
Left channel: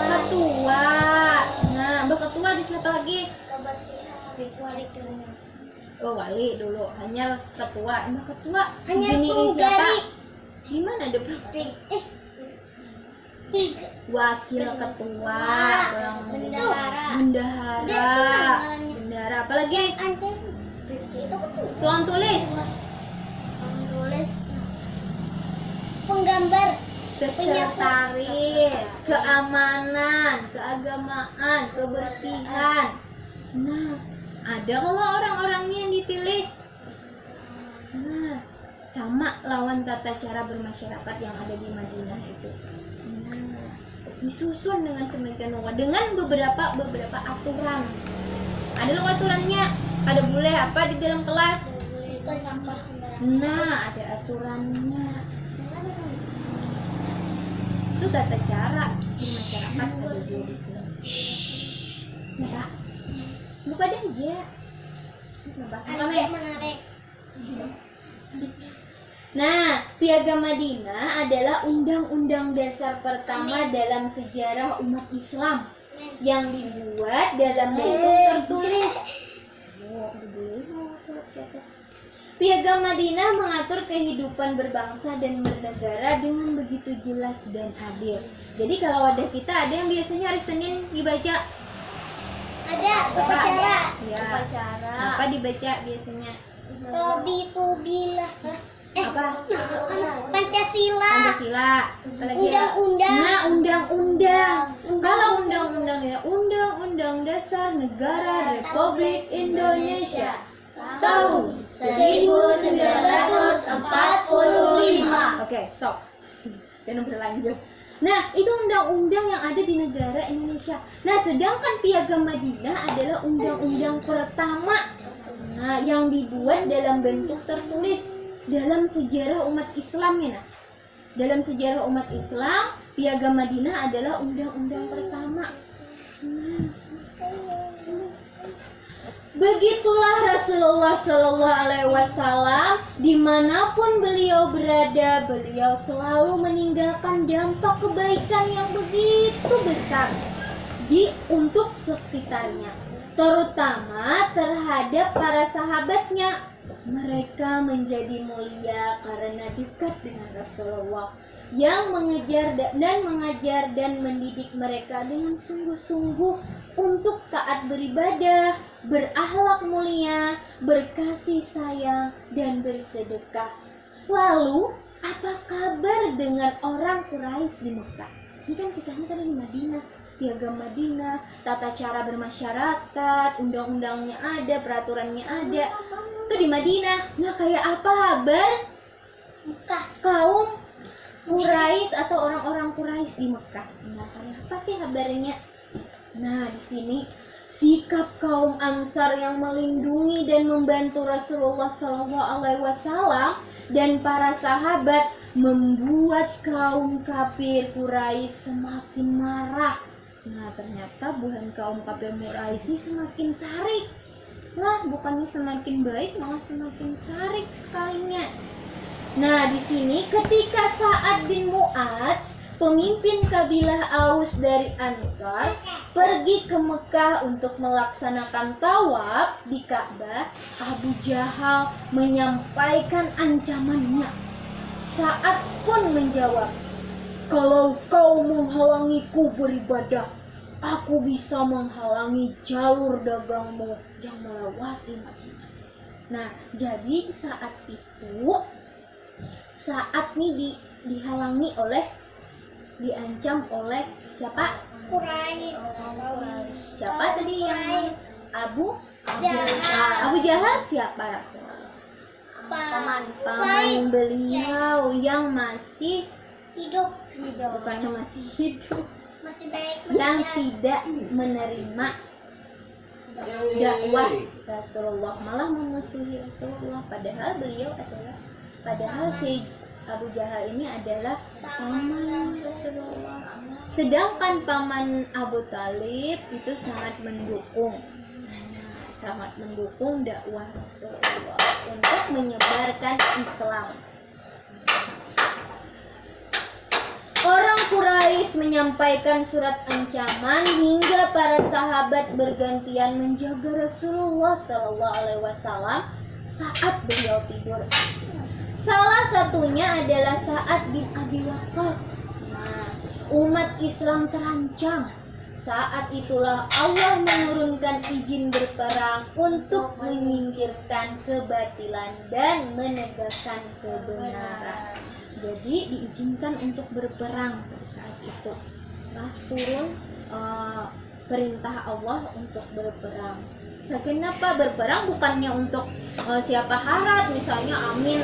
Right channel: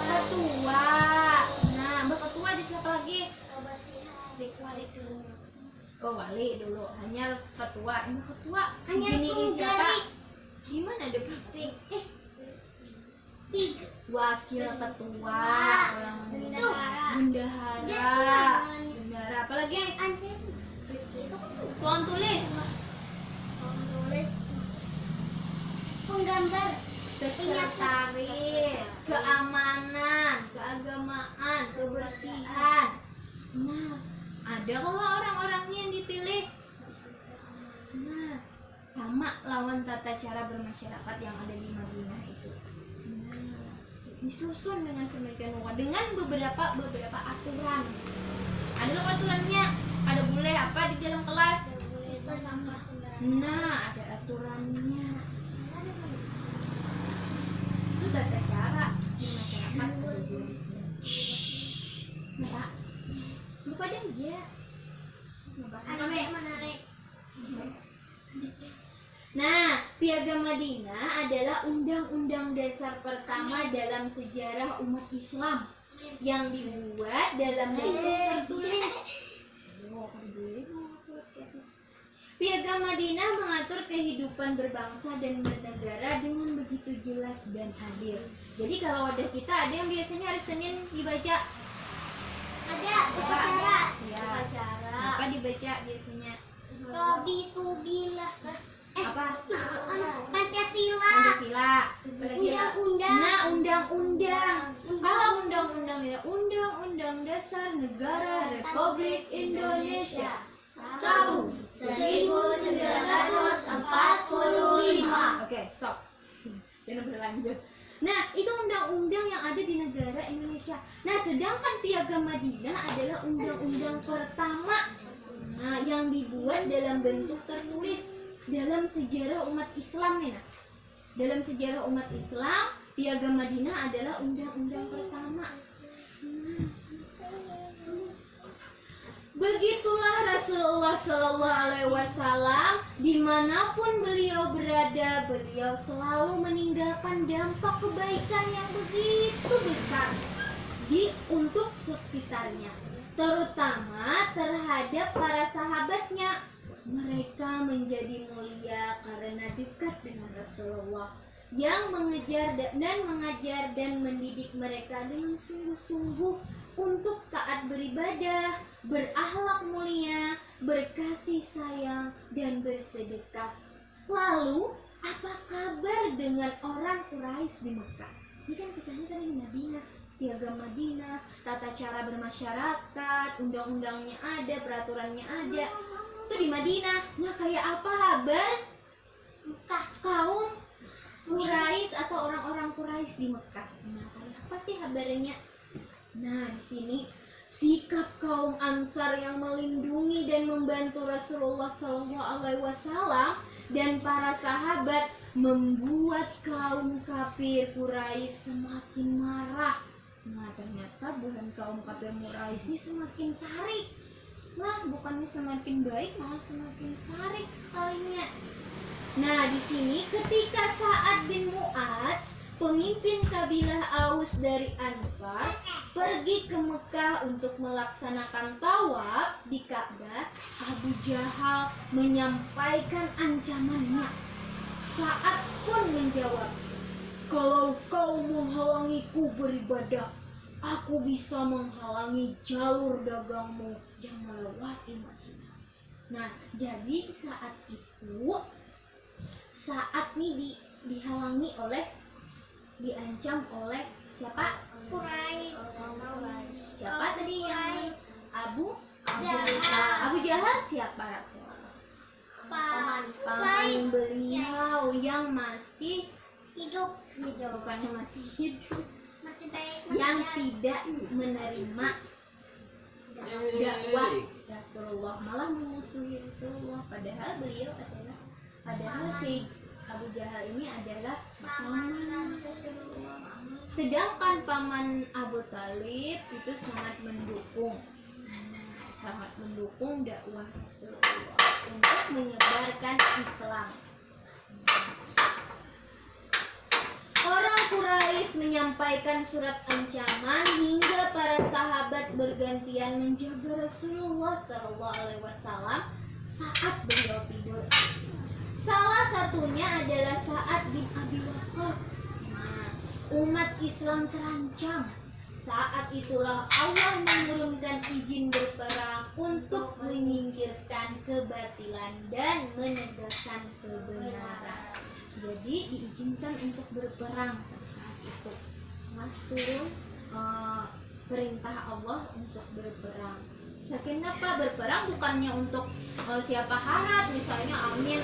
Ketua. Nah, mbak ketua ada siapa lagi? kebersihan, Oh, wali dulu. Hanya ketua. Mbak ketua. hanya Gini siapa? penggaris. Gimana ada praktik? Wakil ketua, bendahara, apalagi Itu tuang tulis, tulis, penggambar, sekretaris, keamanan, keagamaan, kebersihan. Nah, ada kalau orang-orangnya yang dipilih. Nah, sama lawan tata cara bermasyarakat yang ada di Madinah itu. Nah, disusun dengan sedemikian rupa dengan beberapa aturan. Ada loh aturannya. Ada boleh apa di dalam kelas? Nah, ada aturannya. Itu tata cara di masyarakat ada di sini. Nah, buka deh aja. menarik. Nah, Piagam Madinah adalah undang-undang dasar pertama dalam sejarah umat Islam yang dibuat dalam bentuk tertulis. Piagam Madinah mengatur kehidupan berbangsa dan bernegara dengan begitu jelas dan adil. Jadi kalau wadah kita ada yang biasanya hari Senin dibaca. Ada upacara. Ya. Upacara. Apa dibaca biasanya? Robi Tubilah. Apa? Pancasila. Pancasila. Apalagi? Undang-undang. Nah, undang-undang. Kalau undang-undang Dasar Negara Republik Indonesia tahun 1945. Oke, stop. Dan berlanjut. Nah, itu undang-undang yang ada di negara Indonesia. Nah, sedangkan Piagam Madinah adalah undang-undang pertama yang dibuat dalam bentuk tertulis dalam sejarah umat Islam ya. Nah. Dalam sejarah umat Islam, Piagam Madinah adalah undang-undang pertama. Begitulah Rasulullah Shallallahu Alaihi Wasallam, dimanapun beliau berada, beliau selalu meninggalkan dampak kebaikan yang begitu besar untuk sekitarnya, terutama terhadap para sahabatnya. Mereka menjadi mulia karena dekat dengan Rasulullah yang mengejar dan mengajar dan mendidik mereka dengan sungguh-sungguh untuk taat beribadah, berakhlak mulia, berkasih sayang, dan bersedekah. Lalu, apa kabar dengan orang Quraisy di Mekah? Ini kan kisahnya tadi di Madinah. Piagam Madinah, tata cara bermasyarakat, undang-undangnya ada, peraturannya ada. Itu di Madinah. Nah, kayak apa kabar Mekah kaum Quraisy atau orang-orang Quraisy di Mekah? Nah, kayak apa sih kabarnya? Nah, di sini sikap kaum Ansar yang melindungi dan membantu Rasulullah SAW dan para sahabat membuat kaum kafir Quraisy semakin marah. Nah, ternyata bukan kaum kafir Quraisy ini semakin sarik. Nah, bukannya semakin baik, malah semakin sarik sekalinya. Nah, di sini ketika Sa'ad bin Mu'adz, pemimpin kabilah Aus dari Ansar, pergi ke Mekah untuk melaksanakan tawaf di Ka'bah, Abu Jahal menyampaikan ancamannya. Sa'ad pun menjawab, "Kalau kau menghalangiku beribadah, aku bisa menghalangi jalur dagangmu yang melewati Madinah." Nah, jadi saat itu Sa'ad nih dihalangi oleh, diancam oleh siapa? Quraisy. Siapa tadi yang Abu Jahal siapa Rasulullah? Paman beliau yang masih hidup. bukan masih hidup, Masih baik. yang tidak menerima dakwah Rasulullah, malah memusuhi Rasulullah. Padahal si Abu Jahal ini adalah paman Rasulullah. Sedangkan paman Abu Talib itu sangat mendukung dakwah Rasulullah untuk menyebarkan Islam. Orang Quraisy menyampaikan surat ancaman hingga para sahabat bergantian menjaga Rasulullah SAW saat beliau tidur. Salah satunya adalah Sa'ad bin Abi Waqqas. Nah, umat Islam terancam. Saat itulah Allah menurunkan izin berperang untuk menyingkirkan kebatilan dan menegakkan kebenaran. Jadi diizinkan untuk berperang saat itu. Nah, turun perintah Allah untuk berperang. Kenapa berperang? Bukannya untuk siapa harat, misalnya Amin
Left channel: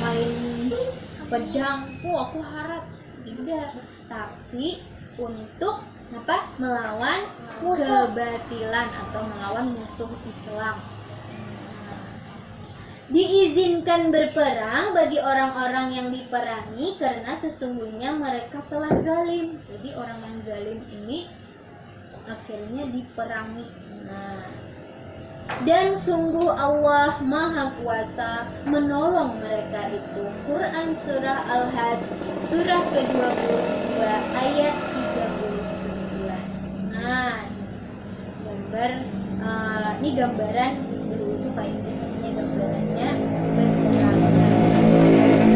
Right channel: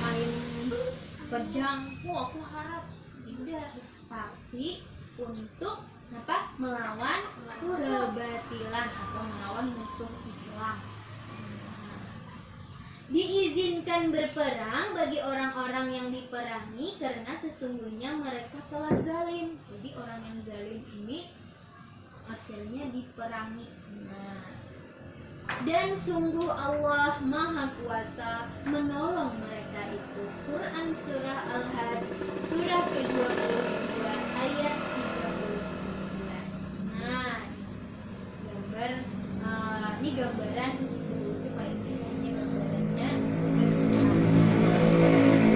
main pedang, aku harat, tidak. Tapi untuk apa? Melawan kebatilan atau melawan musuh Islam. Diizinkan berperang bagi orang-orang yang diperangi karena sesungguhnya mereka telah zalim. Jadi orang yang zalim ini akhirnya diperangi. Nah, dan sungguh Allah Maha Kuasa menolong mereka itu. Quran Surah Al-Hajj surah ke-22 ayat 39. Nah, ini gambaran dulu itu kayak gimana gambarannya berperang.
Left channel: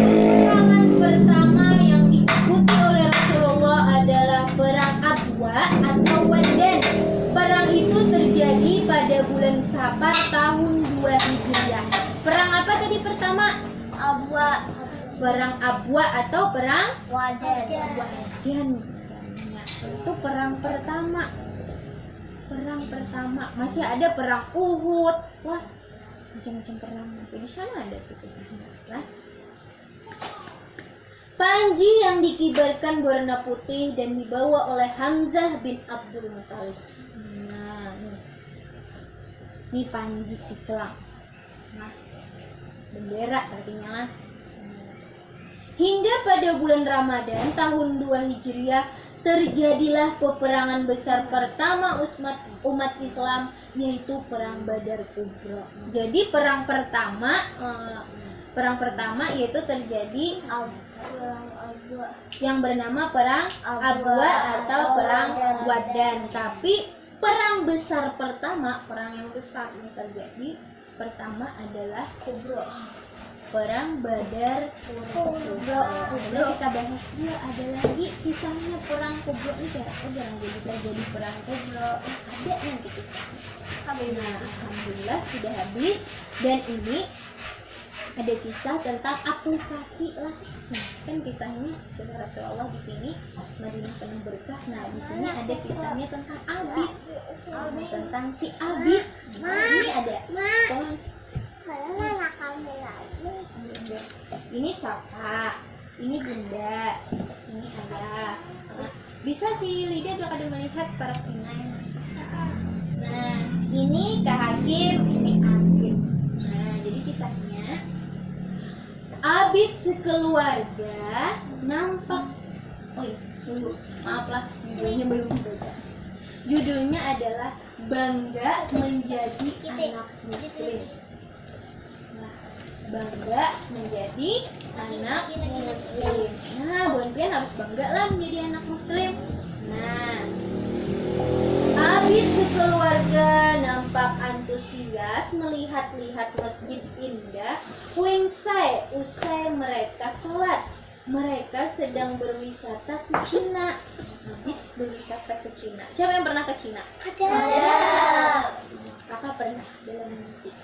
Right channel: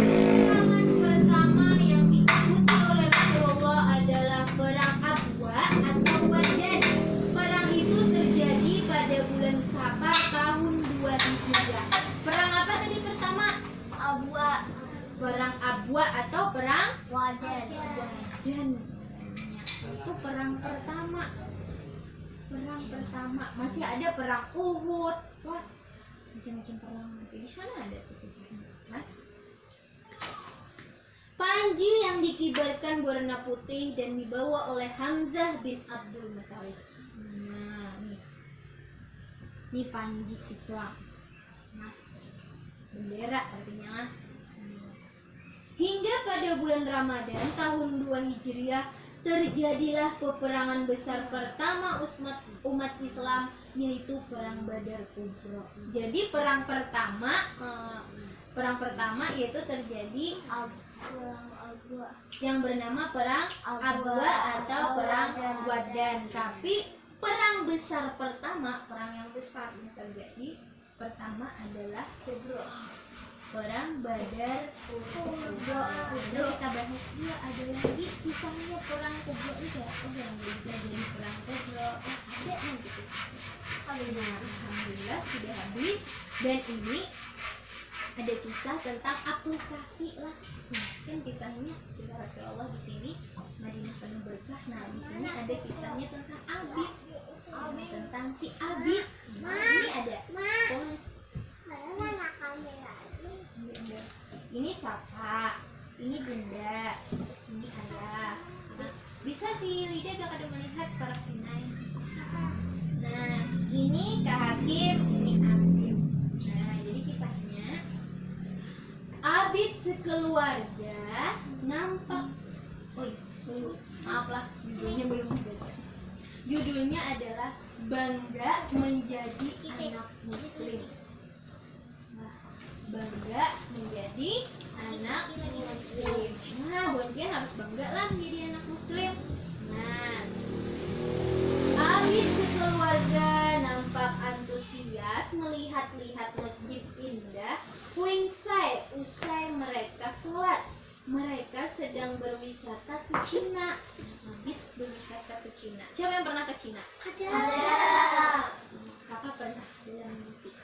Peperangan pertama yang diikuti oleh Rasulullah adalah perang Abwa atau Wadan. Perang itu terjadi pada bulan Safar tahun 2 Hijriah. Perang apa tadi pertama? Abwa. Perang Abwa atau perang Wadan. Itu perang pertama. Masih ada perang Uhud. Wah, macam-macam perang. Di sana ada tuh kisahnya. Panji yang dikibarkan berwarna putih dan dibawa oleh Hamzah bin Abdul Muthalib. Nah, ini panji Islam. Nah, bendera artinya lah. Hingga pada bulan Ramadan tahun 2 Hijriah terjadilah peperangan besar pertama umat Islam, yaitu Perang Badar Kubra. Jadi perang pertama yaitu terjadi yang bernama Perang Abwa atau Perang Wadan. Tapi perang besar pertama, perang yang besar yang terjadi pertama adalah Kubra. Perang Badar Kubra. Lalu kita bahas juga ada lagi kisahnya perang Kubra ini jarang jadi perang Kubra. Ada nanti kisahnya. Alhamdulillah sudah habis. Dan ini ada kisah tentang aplikasi lah. Kan kisahnya sudah Rasulullah di sini Madinah penuh berkah. Nah di sini ada kisahnya tentang Abid, tentang si Abid. Ini ada. Ini Sapa, ini Bunda, ini Ayah. Bisa si Lydia gak ada melihat para pinai. Nah ini Kak Hakim, ini Abid. Nah jadi kisahnya Abid sekeluarga nampak. Oh iya, maaf lah, judulnya belum dibaca. Judulnya adalah Bangga Menjadi Anak Muslim. Nah, bangga menjadi anak muslim. Nah, Bonpian harus bangga lah menjadi anak muslim. Nah, Abid sekeluarga nampak antusias melihat-lihat masjid indah. Usai mereka sholat. Mereka sedang berwisata ke Cina. Abid berwisata ke Cina. Siapa yang pernah ke Cina? Ada. Kakak pernah dalam mimpi.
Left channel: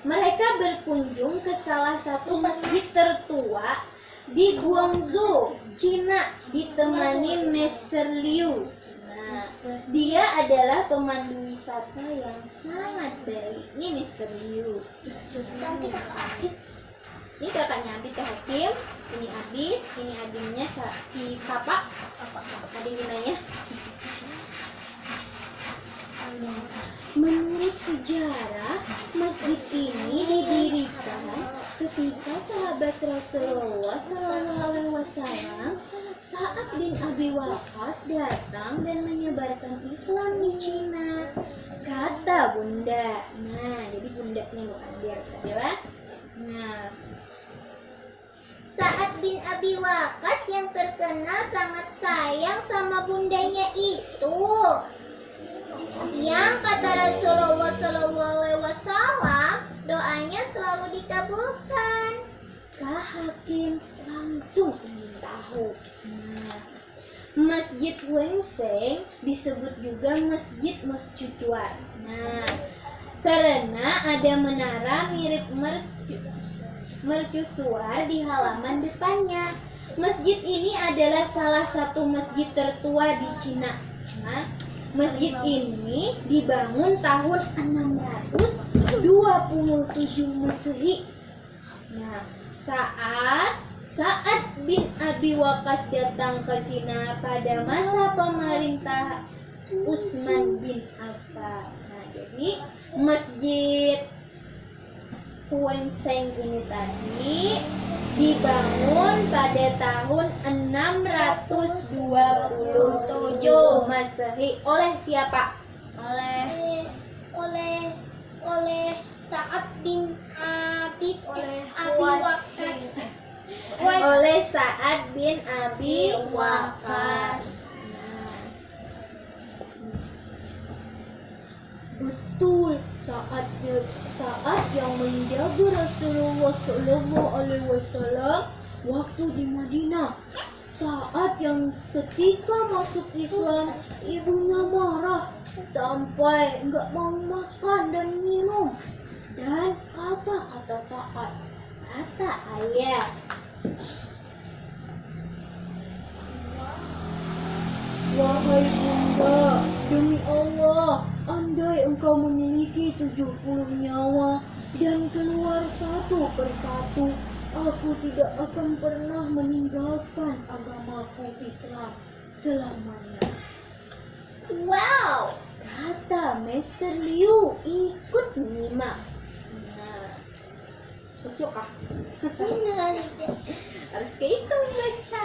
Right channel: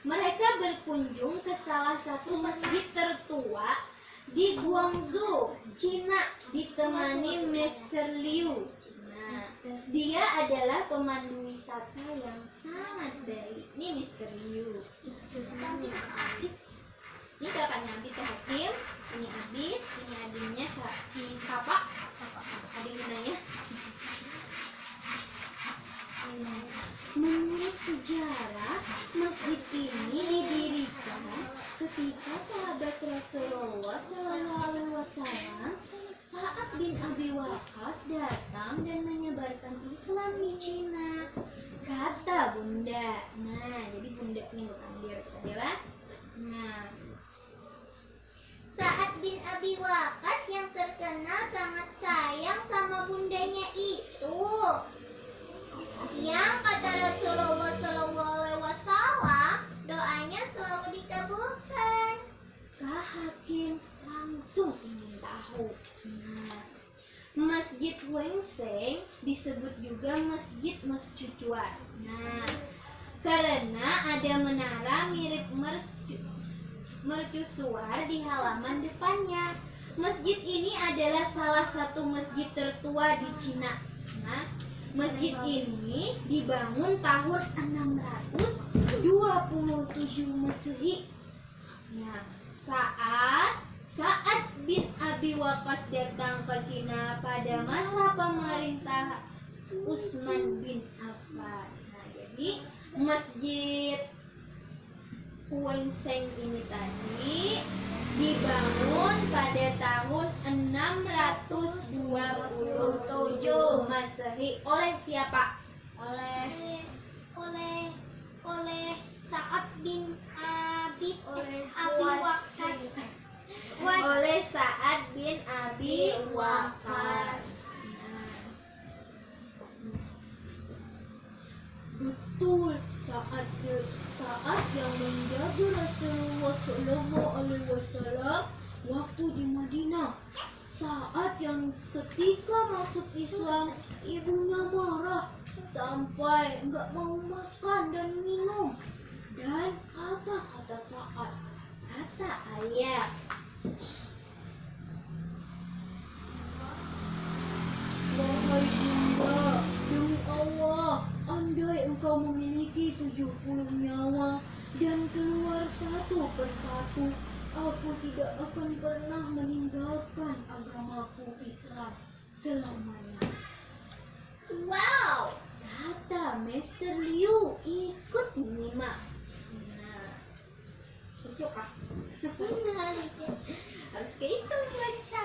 Mereka berkunjung ke salah satu masjid tertua di Guangzhou, Cina, ditemani Mr. Liu. Nah, dia adalah pemandu wisata yang sangat baik. Ini Mr. Liu. Ini kakaknya Abid Kak Hakim. Ini Abid, ini adiknya si Sapa. Adik gunanya. Menurut sejarah, masjid ini didirikan ketika sahabat Rasulullah SAW Sa'ad bin Abi Waqqas datang dan menyebarkan Islam di Cina. Kata Bunda. Nah, jadi bundanya bukan dia adalah. Nah, Sa'ad bin Abi Waqqas yang terkenal sangat sayang sama bundanya itu. Yang kata Rasulullah SAW, doanya selalu dikabulkan. Kak Hakim langsung ingin tahu. Nah, Masjid Wengseng disebut juga Masjid Mercusuar. Nah, karena ada menara mirip mercusuar di halaman depannya. Masjid ini adalah salah satu masjid tertua di Cina. Nah, masjid ini dibangun tahun 627 Masehi. Nah, saat bin Abi Waqqas datang ke Cina pada masa pemerintah Utsman bin Affan. Nah, jadi masjid Wengseng ini tadi dibangun pada tahun 627 Masehi oleh siapa? Oleh Sa'ad bin Abi Waqqas. Oleh Sa'ad bin Abi Waqqas. Betul, saat yang menjaga Rasulullah SAW waktu di Madinah. Saat yang ketika masuk Islam, ibunya marah sampai nggak mau makan dan minum. Dan apa kata Sa'ad? Kata ayah, wahai bunda, demi Allah, andai engkau memiliki 70 nyawa dan keluar satu persatu, aku tidak akan pernah meninggalkan agamaku Islam selamanya. Wow, Kata Mr. Liu, ikut menyimak. Nah, Suka. Harus kehitung baca.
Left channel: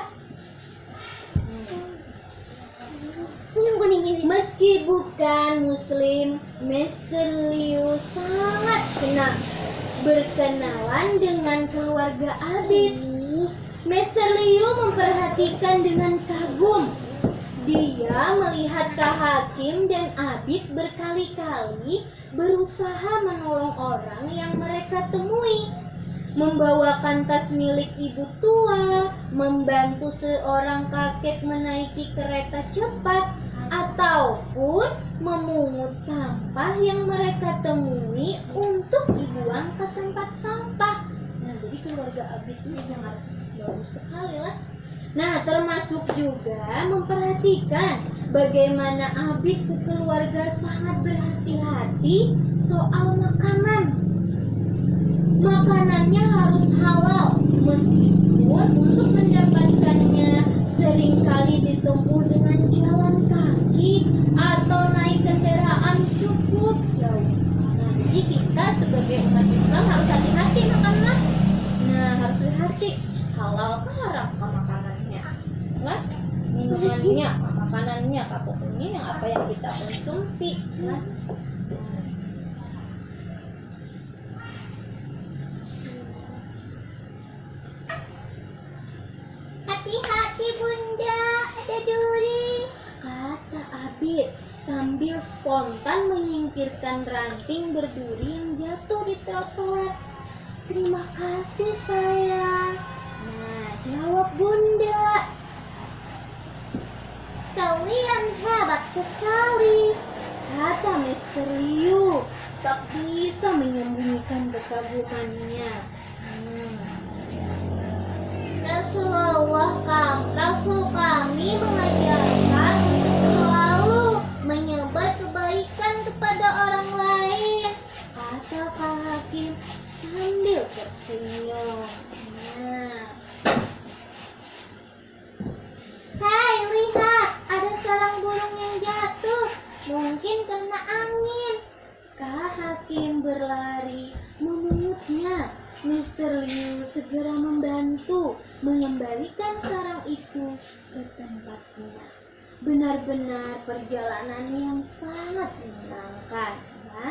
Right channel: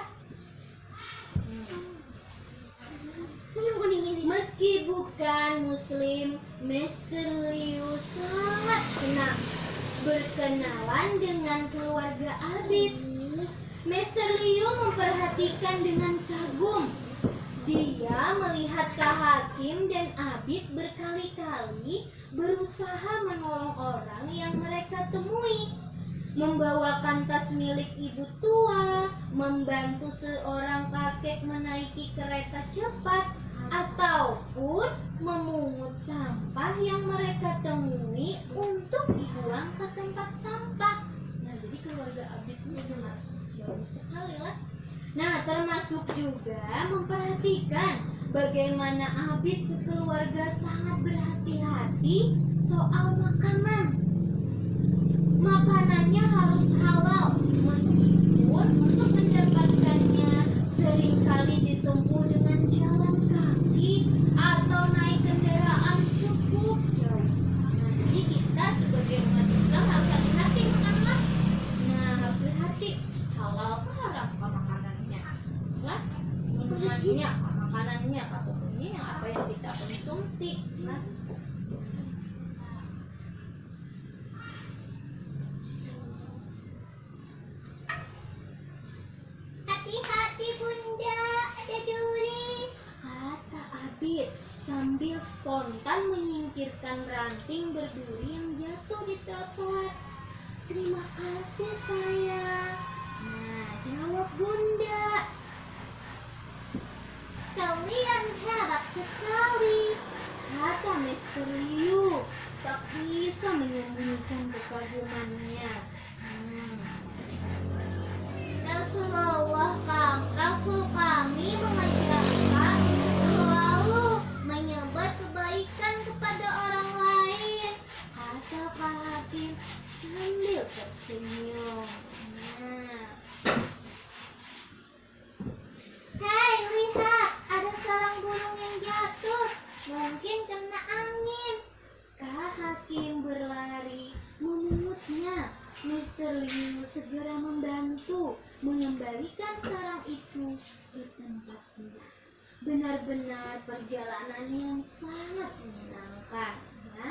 Meski bukan muslim, Mr. Liu sangat senang berkenalan dengan keluarga Abid. Mr. Liu memperhatikan dengan kagum. Dia melihat Kak Hakim dan Abid berkali-kali berusaha menolong orang yang mereka temui, membawakan tas milik ibu tua, membantu seorang kakek menaiki kereta cepat, ataupun memungut sampah yang mereka temui untuk dibuang ke tempat sampah. Nah, jadi keluarga Abid ini sangat bagus sekali lah. Nah, termasuk juga memperhatikan bagaimana Abid sekeluarga sangat berhati-hati soal makanan. Makanannya harus halal, meskipun untuk mendapatkannya seringkali ditempuh dengan jalan kaki atau naik kendaraan cukup jauh. Nah, jadi kita sebagai umat Islam harus hati-hati makanlah. Nah, harus hati-hati. Halal ke haram ke makanannya, lah minumannya, makanannya, pokoknya yang apa yang kita konsumsi, lah. Hati-hati bunda, ada duri. Kata Abid sambil spontan menyingkirkan ranting berduri yang jatuh di trotoar. Terima kasih sayang. Nah, jawab bunda. Kalian hebat sekali. Kata Mr. Liu tak bisa menyembunyikan kekagumannya. Rasul kami mengajarkan untuk selalu menyebar kebaikan kepada orang lain. Kata Kak Hakim sambil tersenyum. Nah, Hai, lihat, ada sarang burung yang jatuh. Mungkin kena angin. Kak Hakim berlari memungutnya. Mr. Liu segera membantu mengembalikan sarang itu ke tempatnya. Benar-benar perjalanan yang sangat menyenangkan, ya.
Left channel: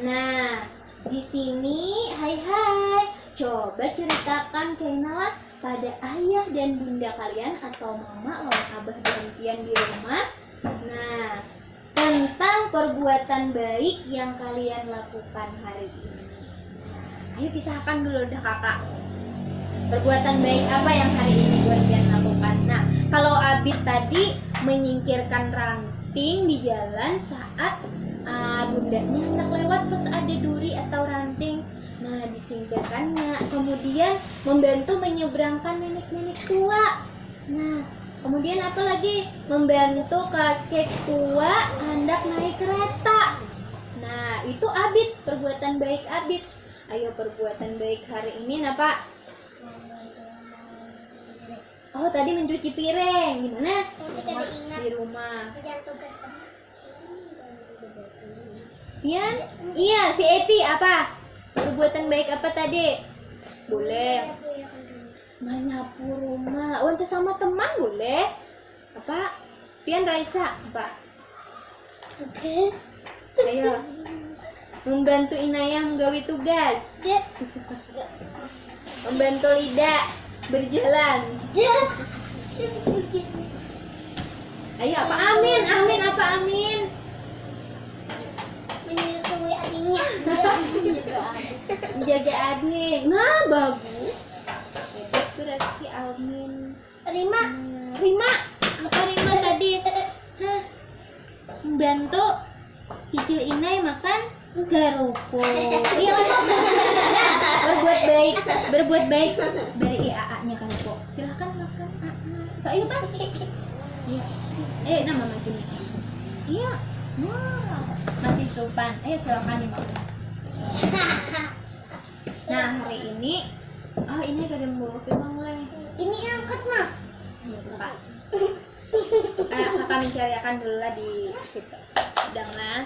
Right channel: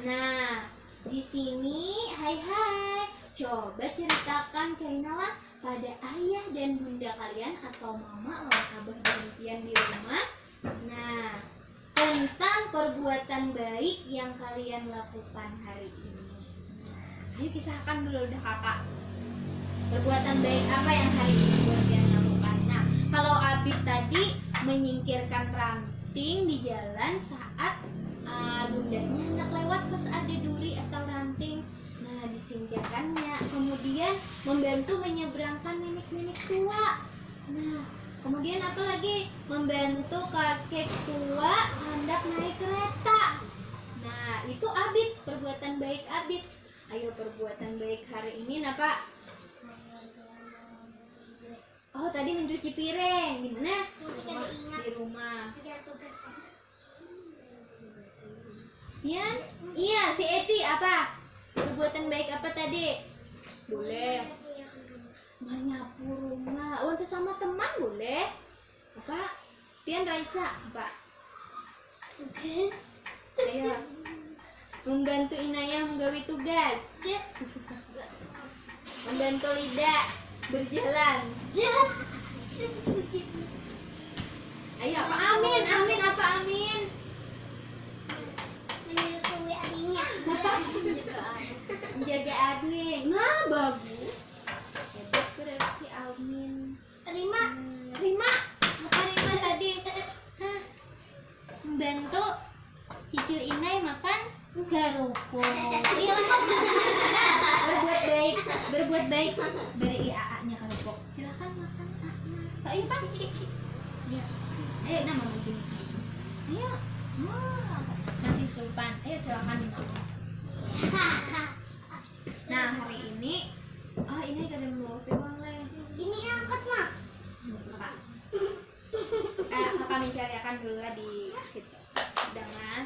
Nah, di sini, hai, coba ceritakan kenalan pada ayah dan bunda kalian atau mama lawan abah dan pian di rumah. Nah, tentang perbuatan baik yang kalian lakukan hari ini. Nah, ayo kisahkan dulu dah kakak. Perbuatan baik apa yang hari ini kalian lakukan? Nah, kalau Abid tadi menyingkirkan ranting di jalan saat bundanya hendak lewat pas ada duri atau ranting. Nah, disingkirkannya. Kemudian membantu menyeberangkan nenek-nenek tua. Nah, kemudian apa lagi? Membantu kakek tua hendak naik kereta. Nah, itu Abid, perbuatan baik Abid. Ayo perbuatan baik hari ini, nah Pak. Oh, tadi mencuci piring. Di mana? Di rumah. Pian? Iya, si Eti apa? Perbuatan baik apa tadi? Boleh. Menyapu rumah. Oh, sesama teman boleh. Apa? Pian Raisa apa? Oke. Ayo. Membantu Inayah menggawi tugas. Membantu Lida berjalan. Ayo apa amin? Amin apa amin? Menyusui adiknya. Menjaga adik. Nah, bagus. Hebat tuh Rizky, amin. Rima. Rima. Apa Rima tadi? Hah? Membantu cicil Inai makan garupo. Berbuat baik dari AA-nya garupo. Silahkan makan AA. Ayo Pak. Iya. Ayo nama maju nih. Iya. Wah, masih sopan. Ayo silakan dimakan. Nah, hari ini ini gak ada membawa piring leh. Ini angkat mah. Pak. Kami cariakan dulu lah di situ. Sedang lah.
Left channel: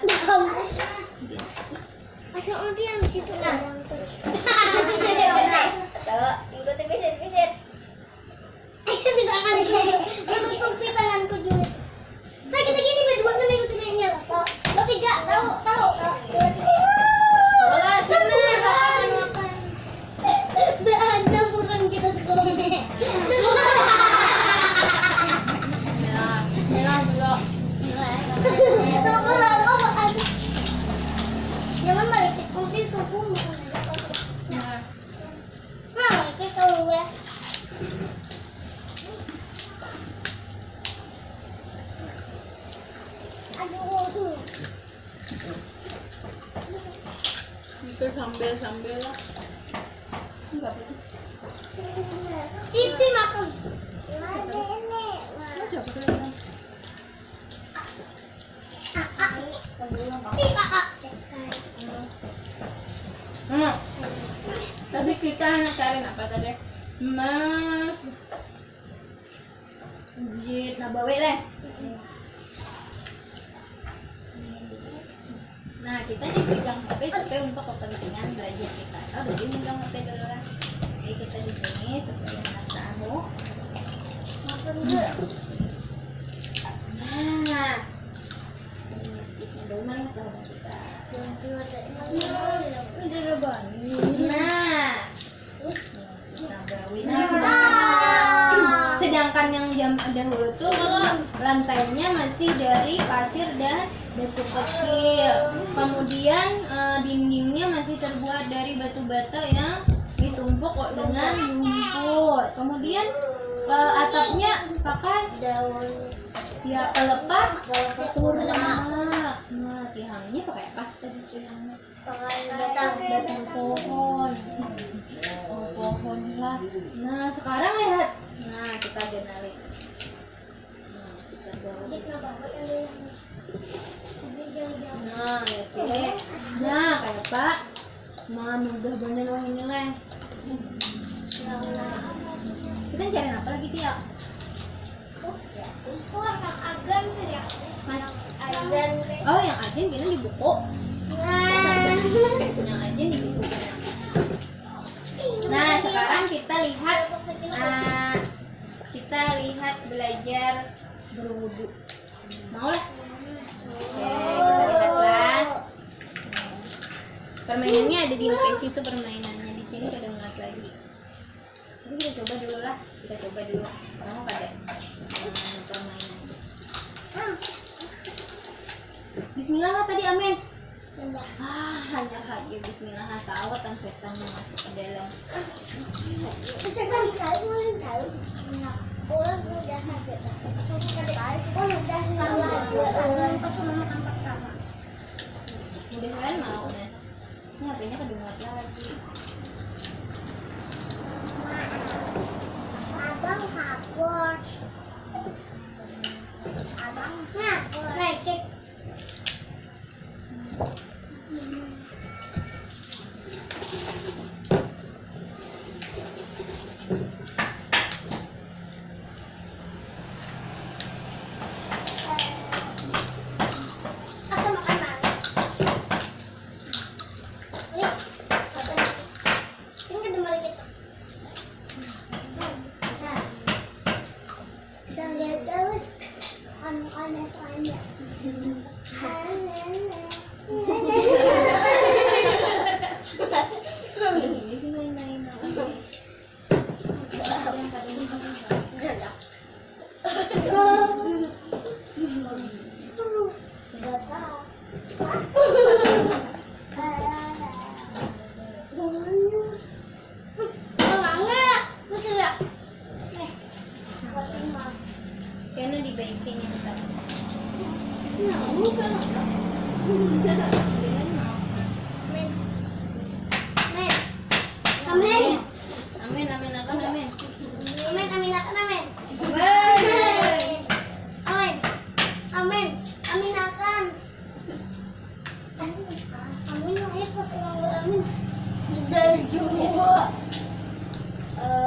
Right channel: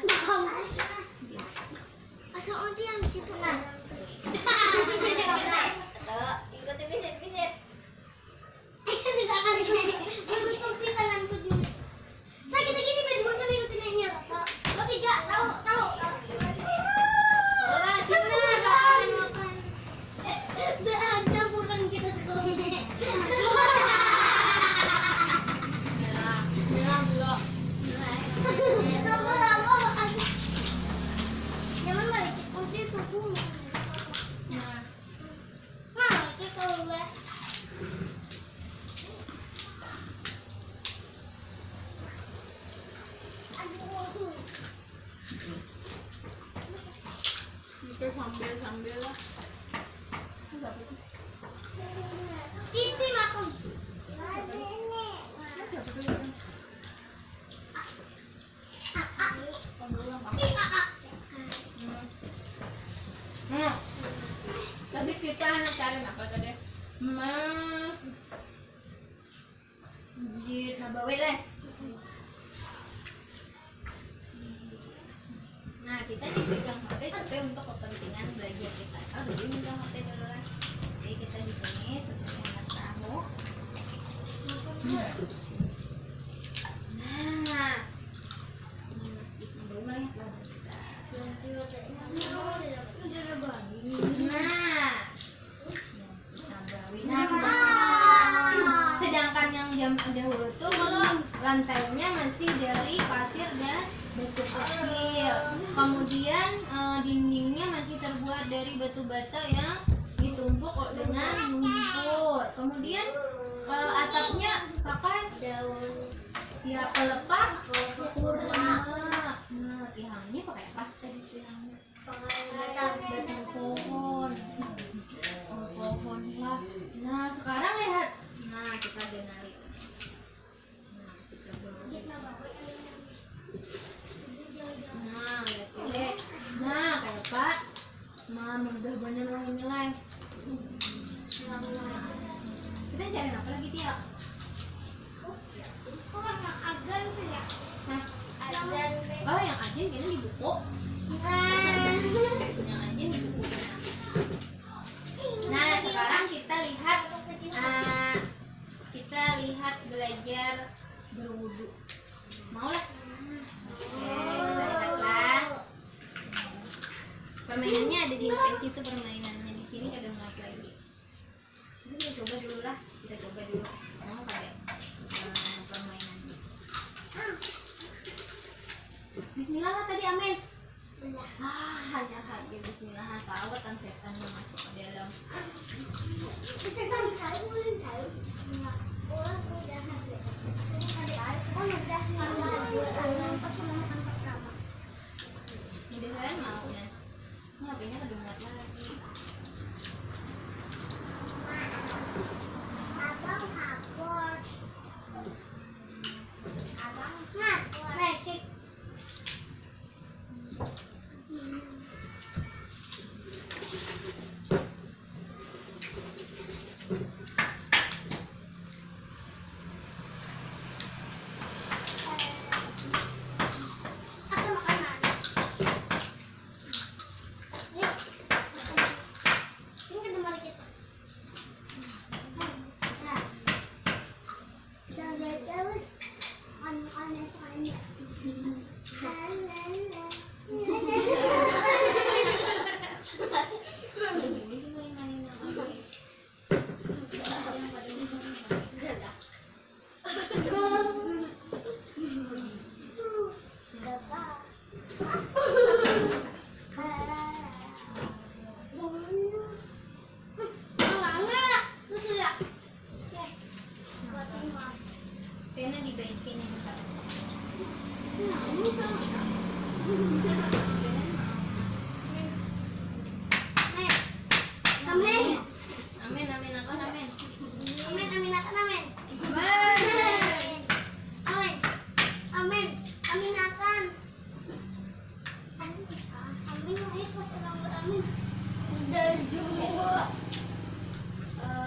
Pasang undi yang di situ nah. Tuh, ikut pisit. Tidak akan disuruh. Yang ikuti tanganku juga. Saya kita gini berdua kan ikutin yang nyala. Lo tidak tahu. Wah, sini makan. Ada bukan kita sekolah. Ya, merah dulu. Jangan balik nanti suku. Nah, Nah, kita tahu ya. Aduh. itu sambil lah. Enggak apa-apa. Isi makan. Siapa tuh yang Tadi kita hanya cariin apa tadi? Masjid Nabawi deh. Nah, kita dipegang HP tapi untuk kepentingan belajar kita. Oh, udah megang HP dulu lah. Oke, kita di sini supaya nggak tahu. Nah, ini Nabawi mana tahu kita. Sedangkan yang zaman dahulu tuh kalau lantainya masih dari pasir dan batu kecil. Kemudian dindingnya masih terbuat dari batu bata yang ditumpuk dengan lumpur. Kemudian atapnya pakai daun ya pelepah kurma. Nah, tiangnya pakai apa tadi tiangnya? Batang pohon. Oh, pohon lah. Nah, sekarang lihat. Nah, kita kenali. Nah, kita bawa. Nah, oke. Nah, kayak apa? Udah bener wah ini lah. Kita cari apa lagi dia? Oh, yang agen kita di buku. Yang agen di buku. Nah, sekarang kita lihat belajar berwudu. Mau lah? Oke, kita lihat lah. Permainannya ada di UPS itu permainannya. Di sini ada muat lagi. Jadi kita coba dulu lah. Kamu pada permainan. Bismillah lah tadi, amin. Hanya haji bismillah tawatan setan masuk ke dalam. Mudah-mudahan mau nih. Ini HP-nya kedengar lagi. Abang hapus. Abang hapus. Aku makan mana? Ini, makan. Ini kan demar kita. Kita lihat terus. On soalnya. Kayaknya dibaikin ya bentar. Amin, amin, akan amin.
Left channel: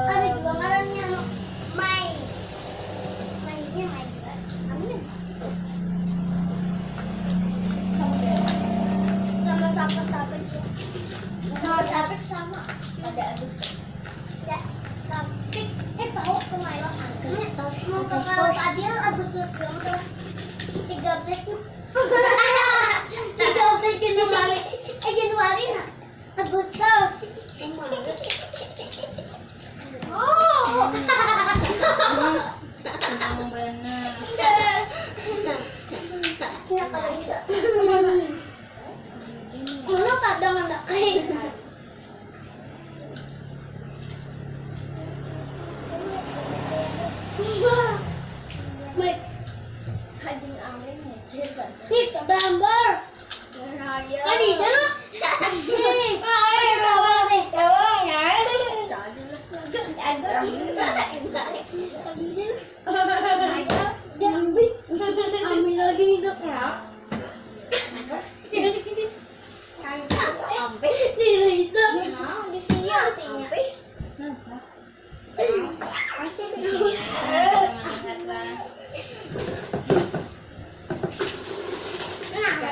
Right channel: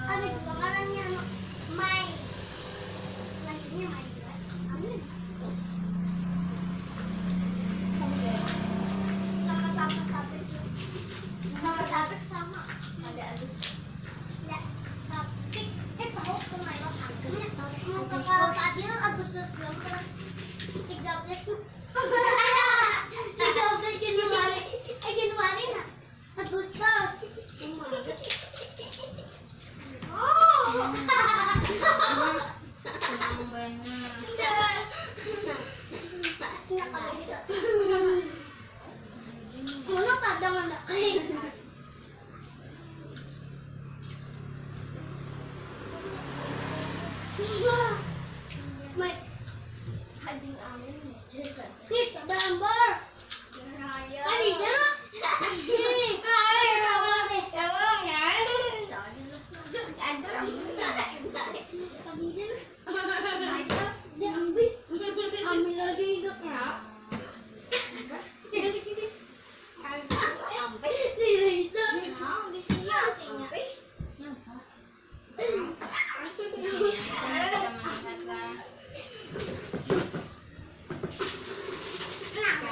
Ada juga ngarannya Mai. Mainnya Mai. Amin. Dijawab dari Januari. Januari nak. Agustus. Oh. Senang benar. Mana kadang ada kain. Baik. Hading amin ya. Nih, gambar. Tadi dulu. Nih, ayo gambar deh. Ambil lagi hidup nak. Tidak itu. Di sini artinya. Kenapa? Di sini aja kita melihatlah. Nah.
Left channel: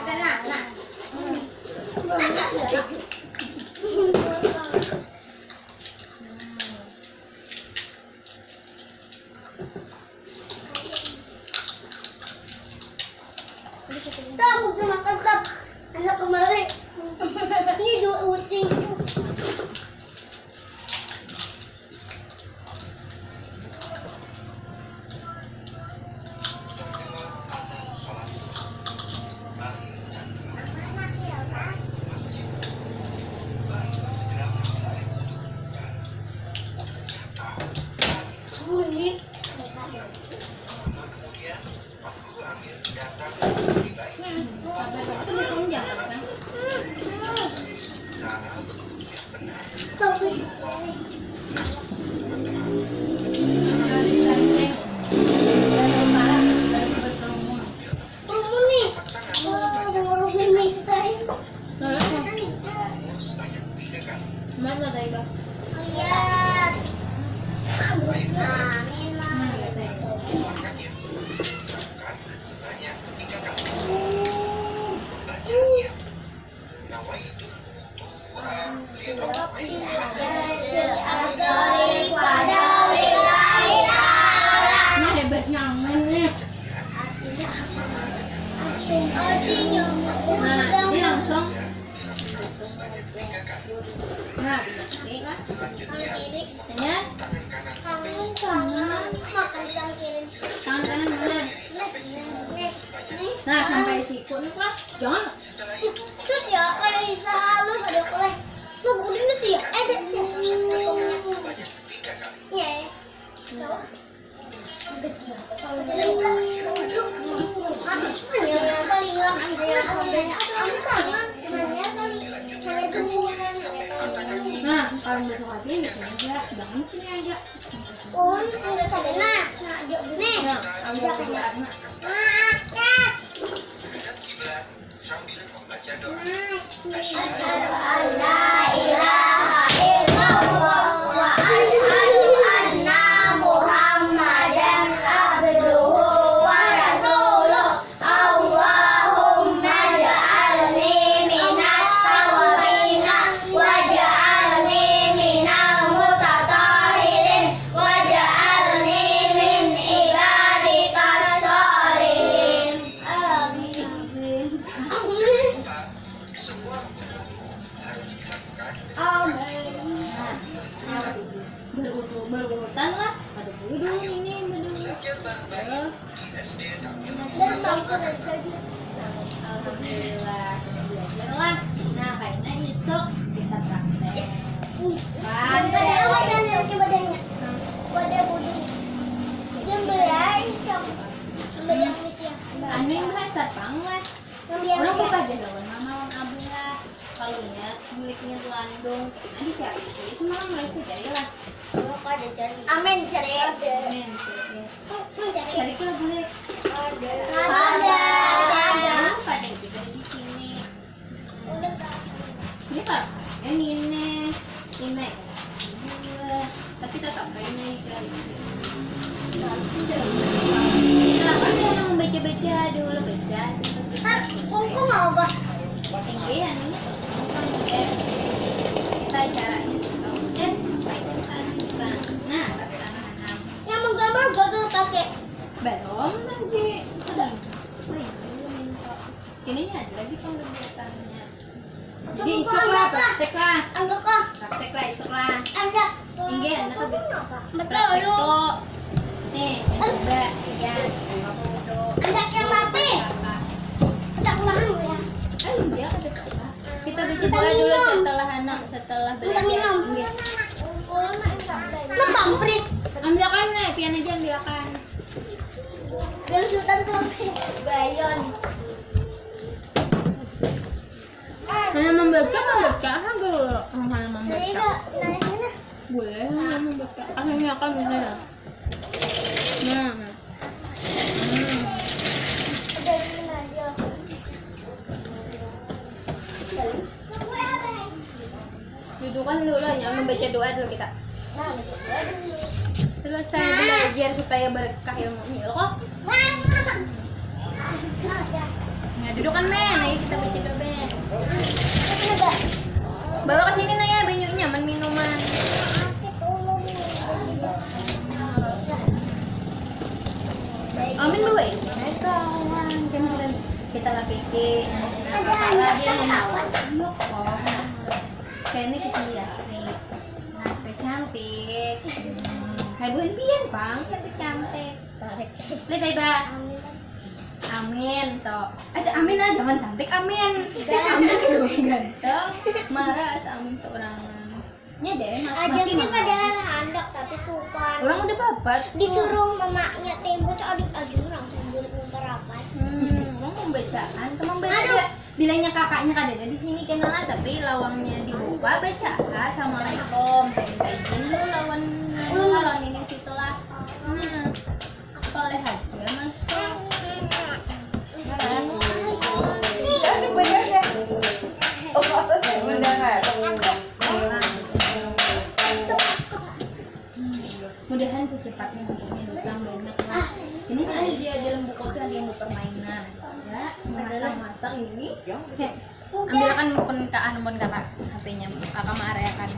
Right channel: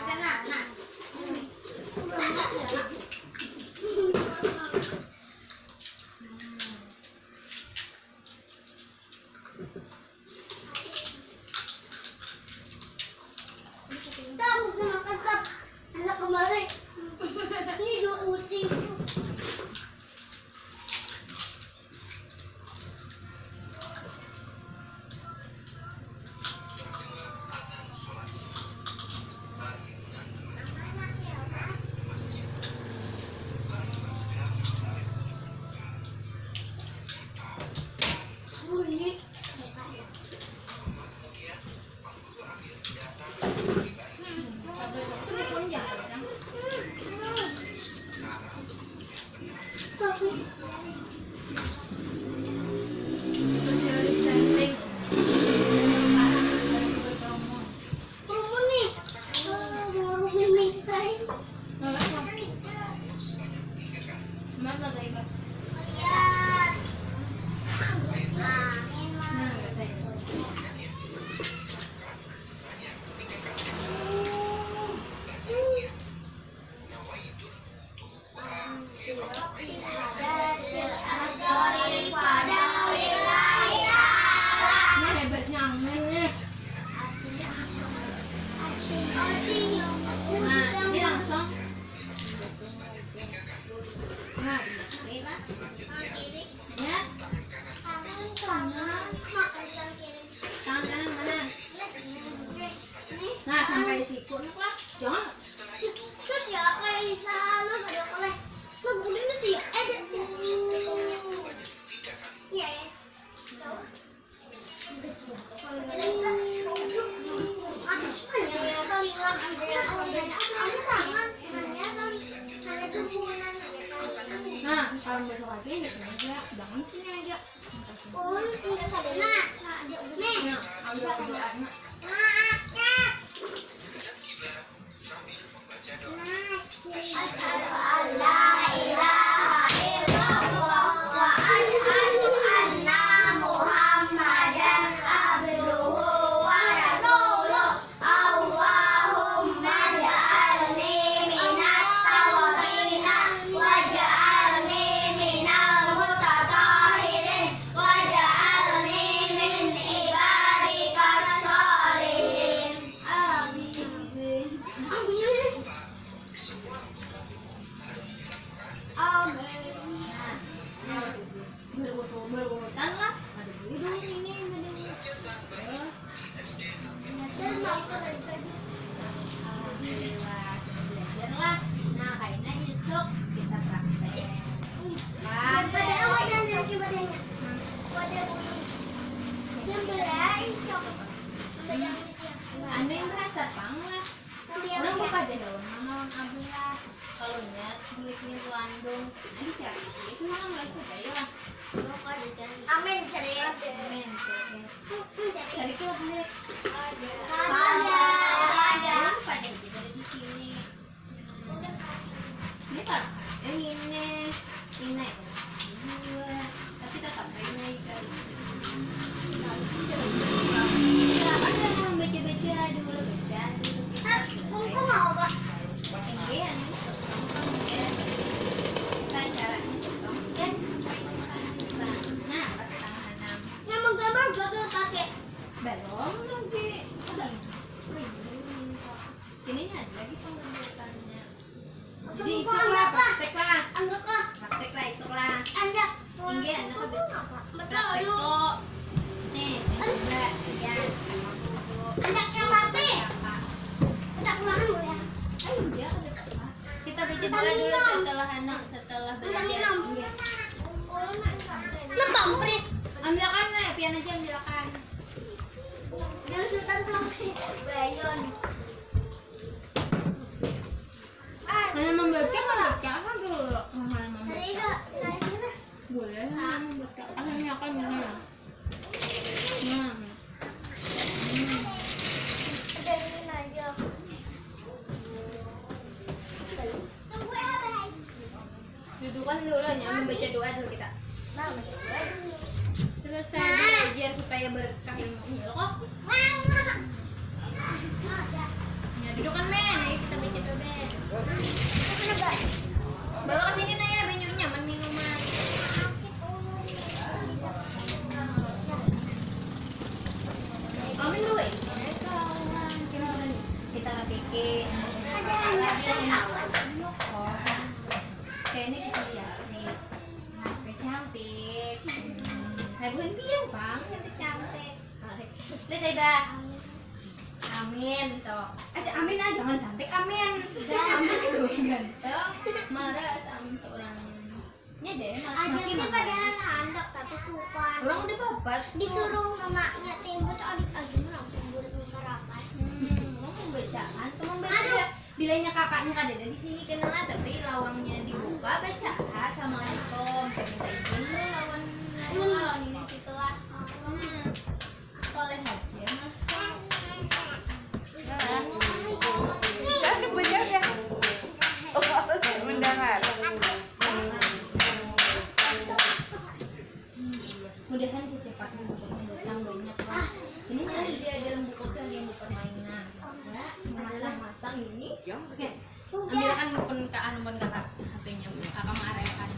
Tahu sama tetap anak kemarin. Ini dua ucing. Bunyi. Tapi kamu nih, baru mintain. Mana Taiba? Lihat. Ini hebatnya amannya. Artinya aku sedang Ini langsung. Nah, ini lah. kiri, Ya, kanan, makan yang kiri. tangan kanan mana? Nah, sampai siku nih lah. Jangan. Terus ya kayak selalu ada oleh. Lo boleh nggak sih ya? Ada sih. Iya ya. Nah, kalau besok lagi ini aja, jangan sini aja. Oh, enggak sadar. Nah, nih. Nah, ambil kerjaannya. Asyhadu an la ilaha illallah wa asyhadu anna Muhammadan abduhu wa rasuluh. Allahumma ja'alni minat tawabina wa ja'alni minal mutatahhirin wa ja'alni min ibadikas sholihin. Amin. Berurutan lah. Ada dulu ini Dan bangku saja. Alhamdulillah, belajar lah. Nah, kayaknya itu kita praktek. Badannya, badannya. Wadah buduk. Yang berai sok. Ambil yang itu ya. Aneh bahasa panglah. Ambil yang Orang itu. buka daun mama abah. Kalau ingat miliknya tuh Andung. Nanti cari itu malah mulai dari lah. Amin cari. Amin. Cari kita boleh. Ada. Pada juga di sini. Udah Kak. Ini kalau yang ini dua, tapi tetap ini cari. Kenapa dia mau baca-baca dulu baca dulu. Kungku mau apa? Ini anunya tuh ya. Saya caranya pakai tangan. Nah, pakai tangan enam. Yang menggambar gagal pakai. Belum. Ininya ada lagi pembuatannya. Jadi Kamu isok kok lah, anggap lah. praktek lah. Anggap lah. Praktek lah, isok lah. Anggap. Enggak, anak kan Betul praktek lu. tuh. Nih, ini juga. Ya, kamu dulu. Anggap yang rapi. Anggap ulangan dulu ya. Ayo, dia kan dekat lah. Kita baca Kita doa dulu minum. setelah anak, setelah Kita belajar. minum. Iya. Lu pampres. Ambilkan nih, pian aja ambilkan. Biar sultan pampres. Bayon. Nah, membaca kan dulu. Mana membaca? Nailah, nailah. Boleh, membaca. Akhirnya akan ini ya. Nah. Udah gini aja. Dudukan dulu ya, membaca doa dulu kita. Selesai belajar supaya berkah ilmunya loh kok. Nah, dudukan men, ayo kita baca doa men. Bawa ke sini Naya banyunya, minuman. Amin bawa ini. Kawan, jangan kita lah pikir. Lagi menawan. Iya kok. Kayaknya kita lihat nih. Nah, cantik. Hai bukan pian bang, cantik. Lihat Iba. Amin toh. Amin aja jangan cantik amin. Amin dong ganteng. Marah amin seorangan. Nya deh, Ajarnya padahal handok tapi suka. Orang udah babat. Disuruh mamanya tembok adik ajun langsung bulat memberapas. Orang membacaan, teman baca. Bilangnya kakaknya kan ada di sini kenalan tapi lawangnya dibuka baca assalamualaikum. Minta izin lu lawan ini situ lah. Soleh aja mas. Mudahan secepatnya bukunya datang banyak lah. Ini aja dalam buku itu ada yang permainan. Ya, masak-masak ini. Ambilkan pun kakak HP-nya, kakak Maria kan.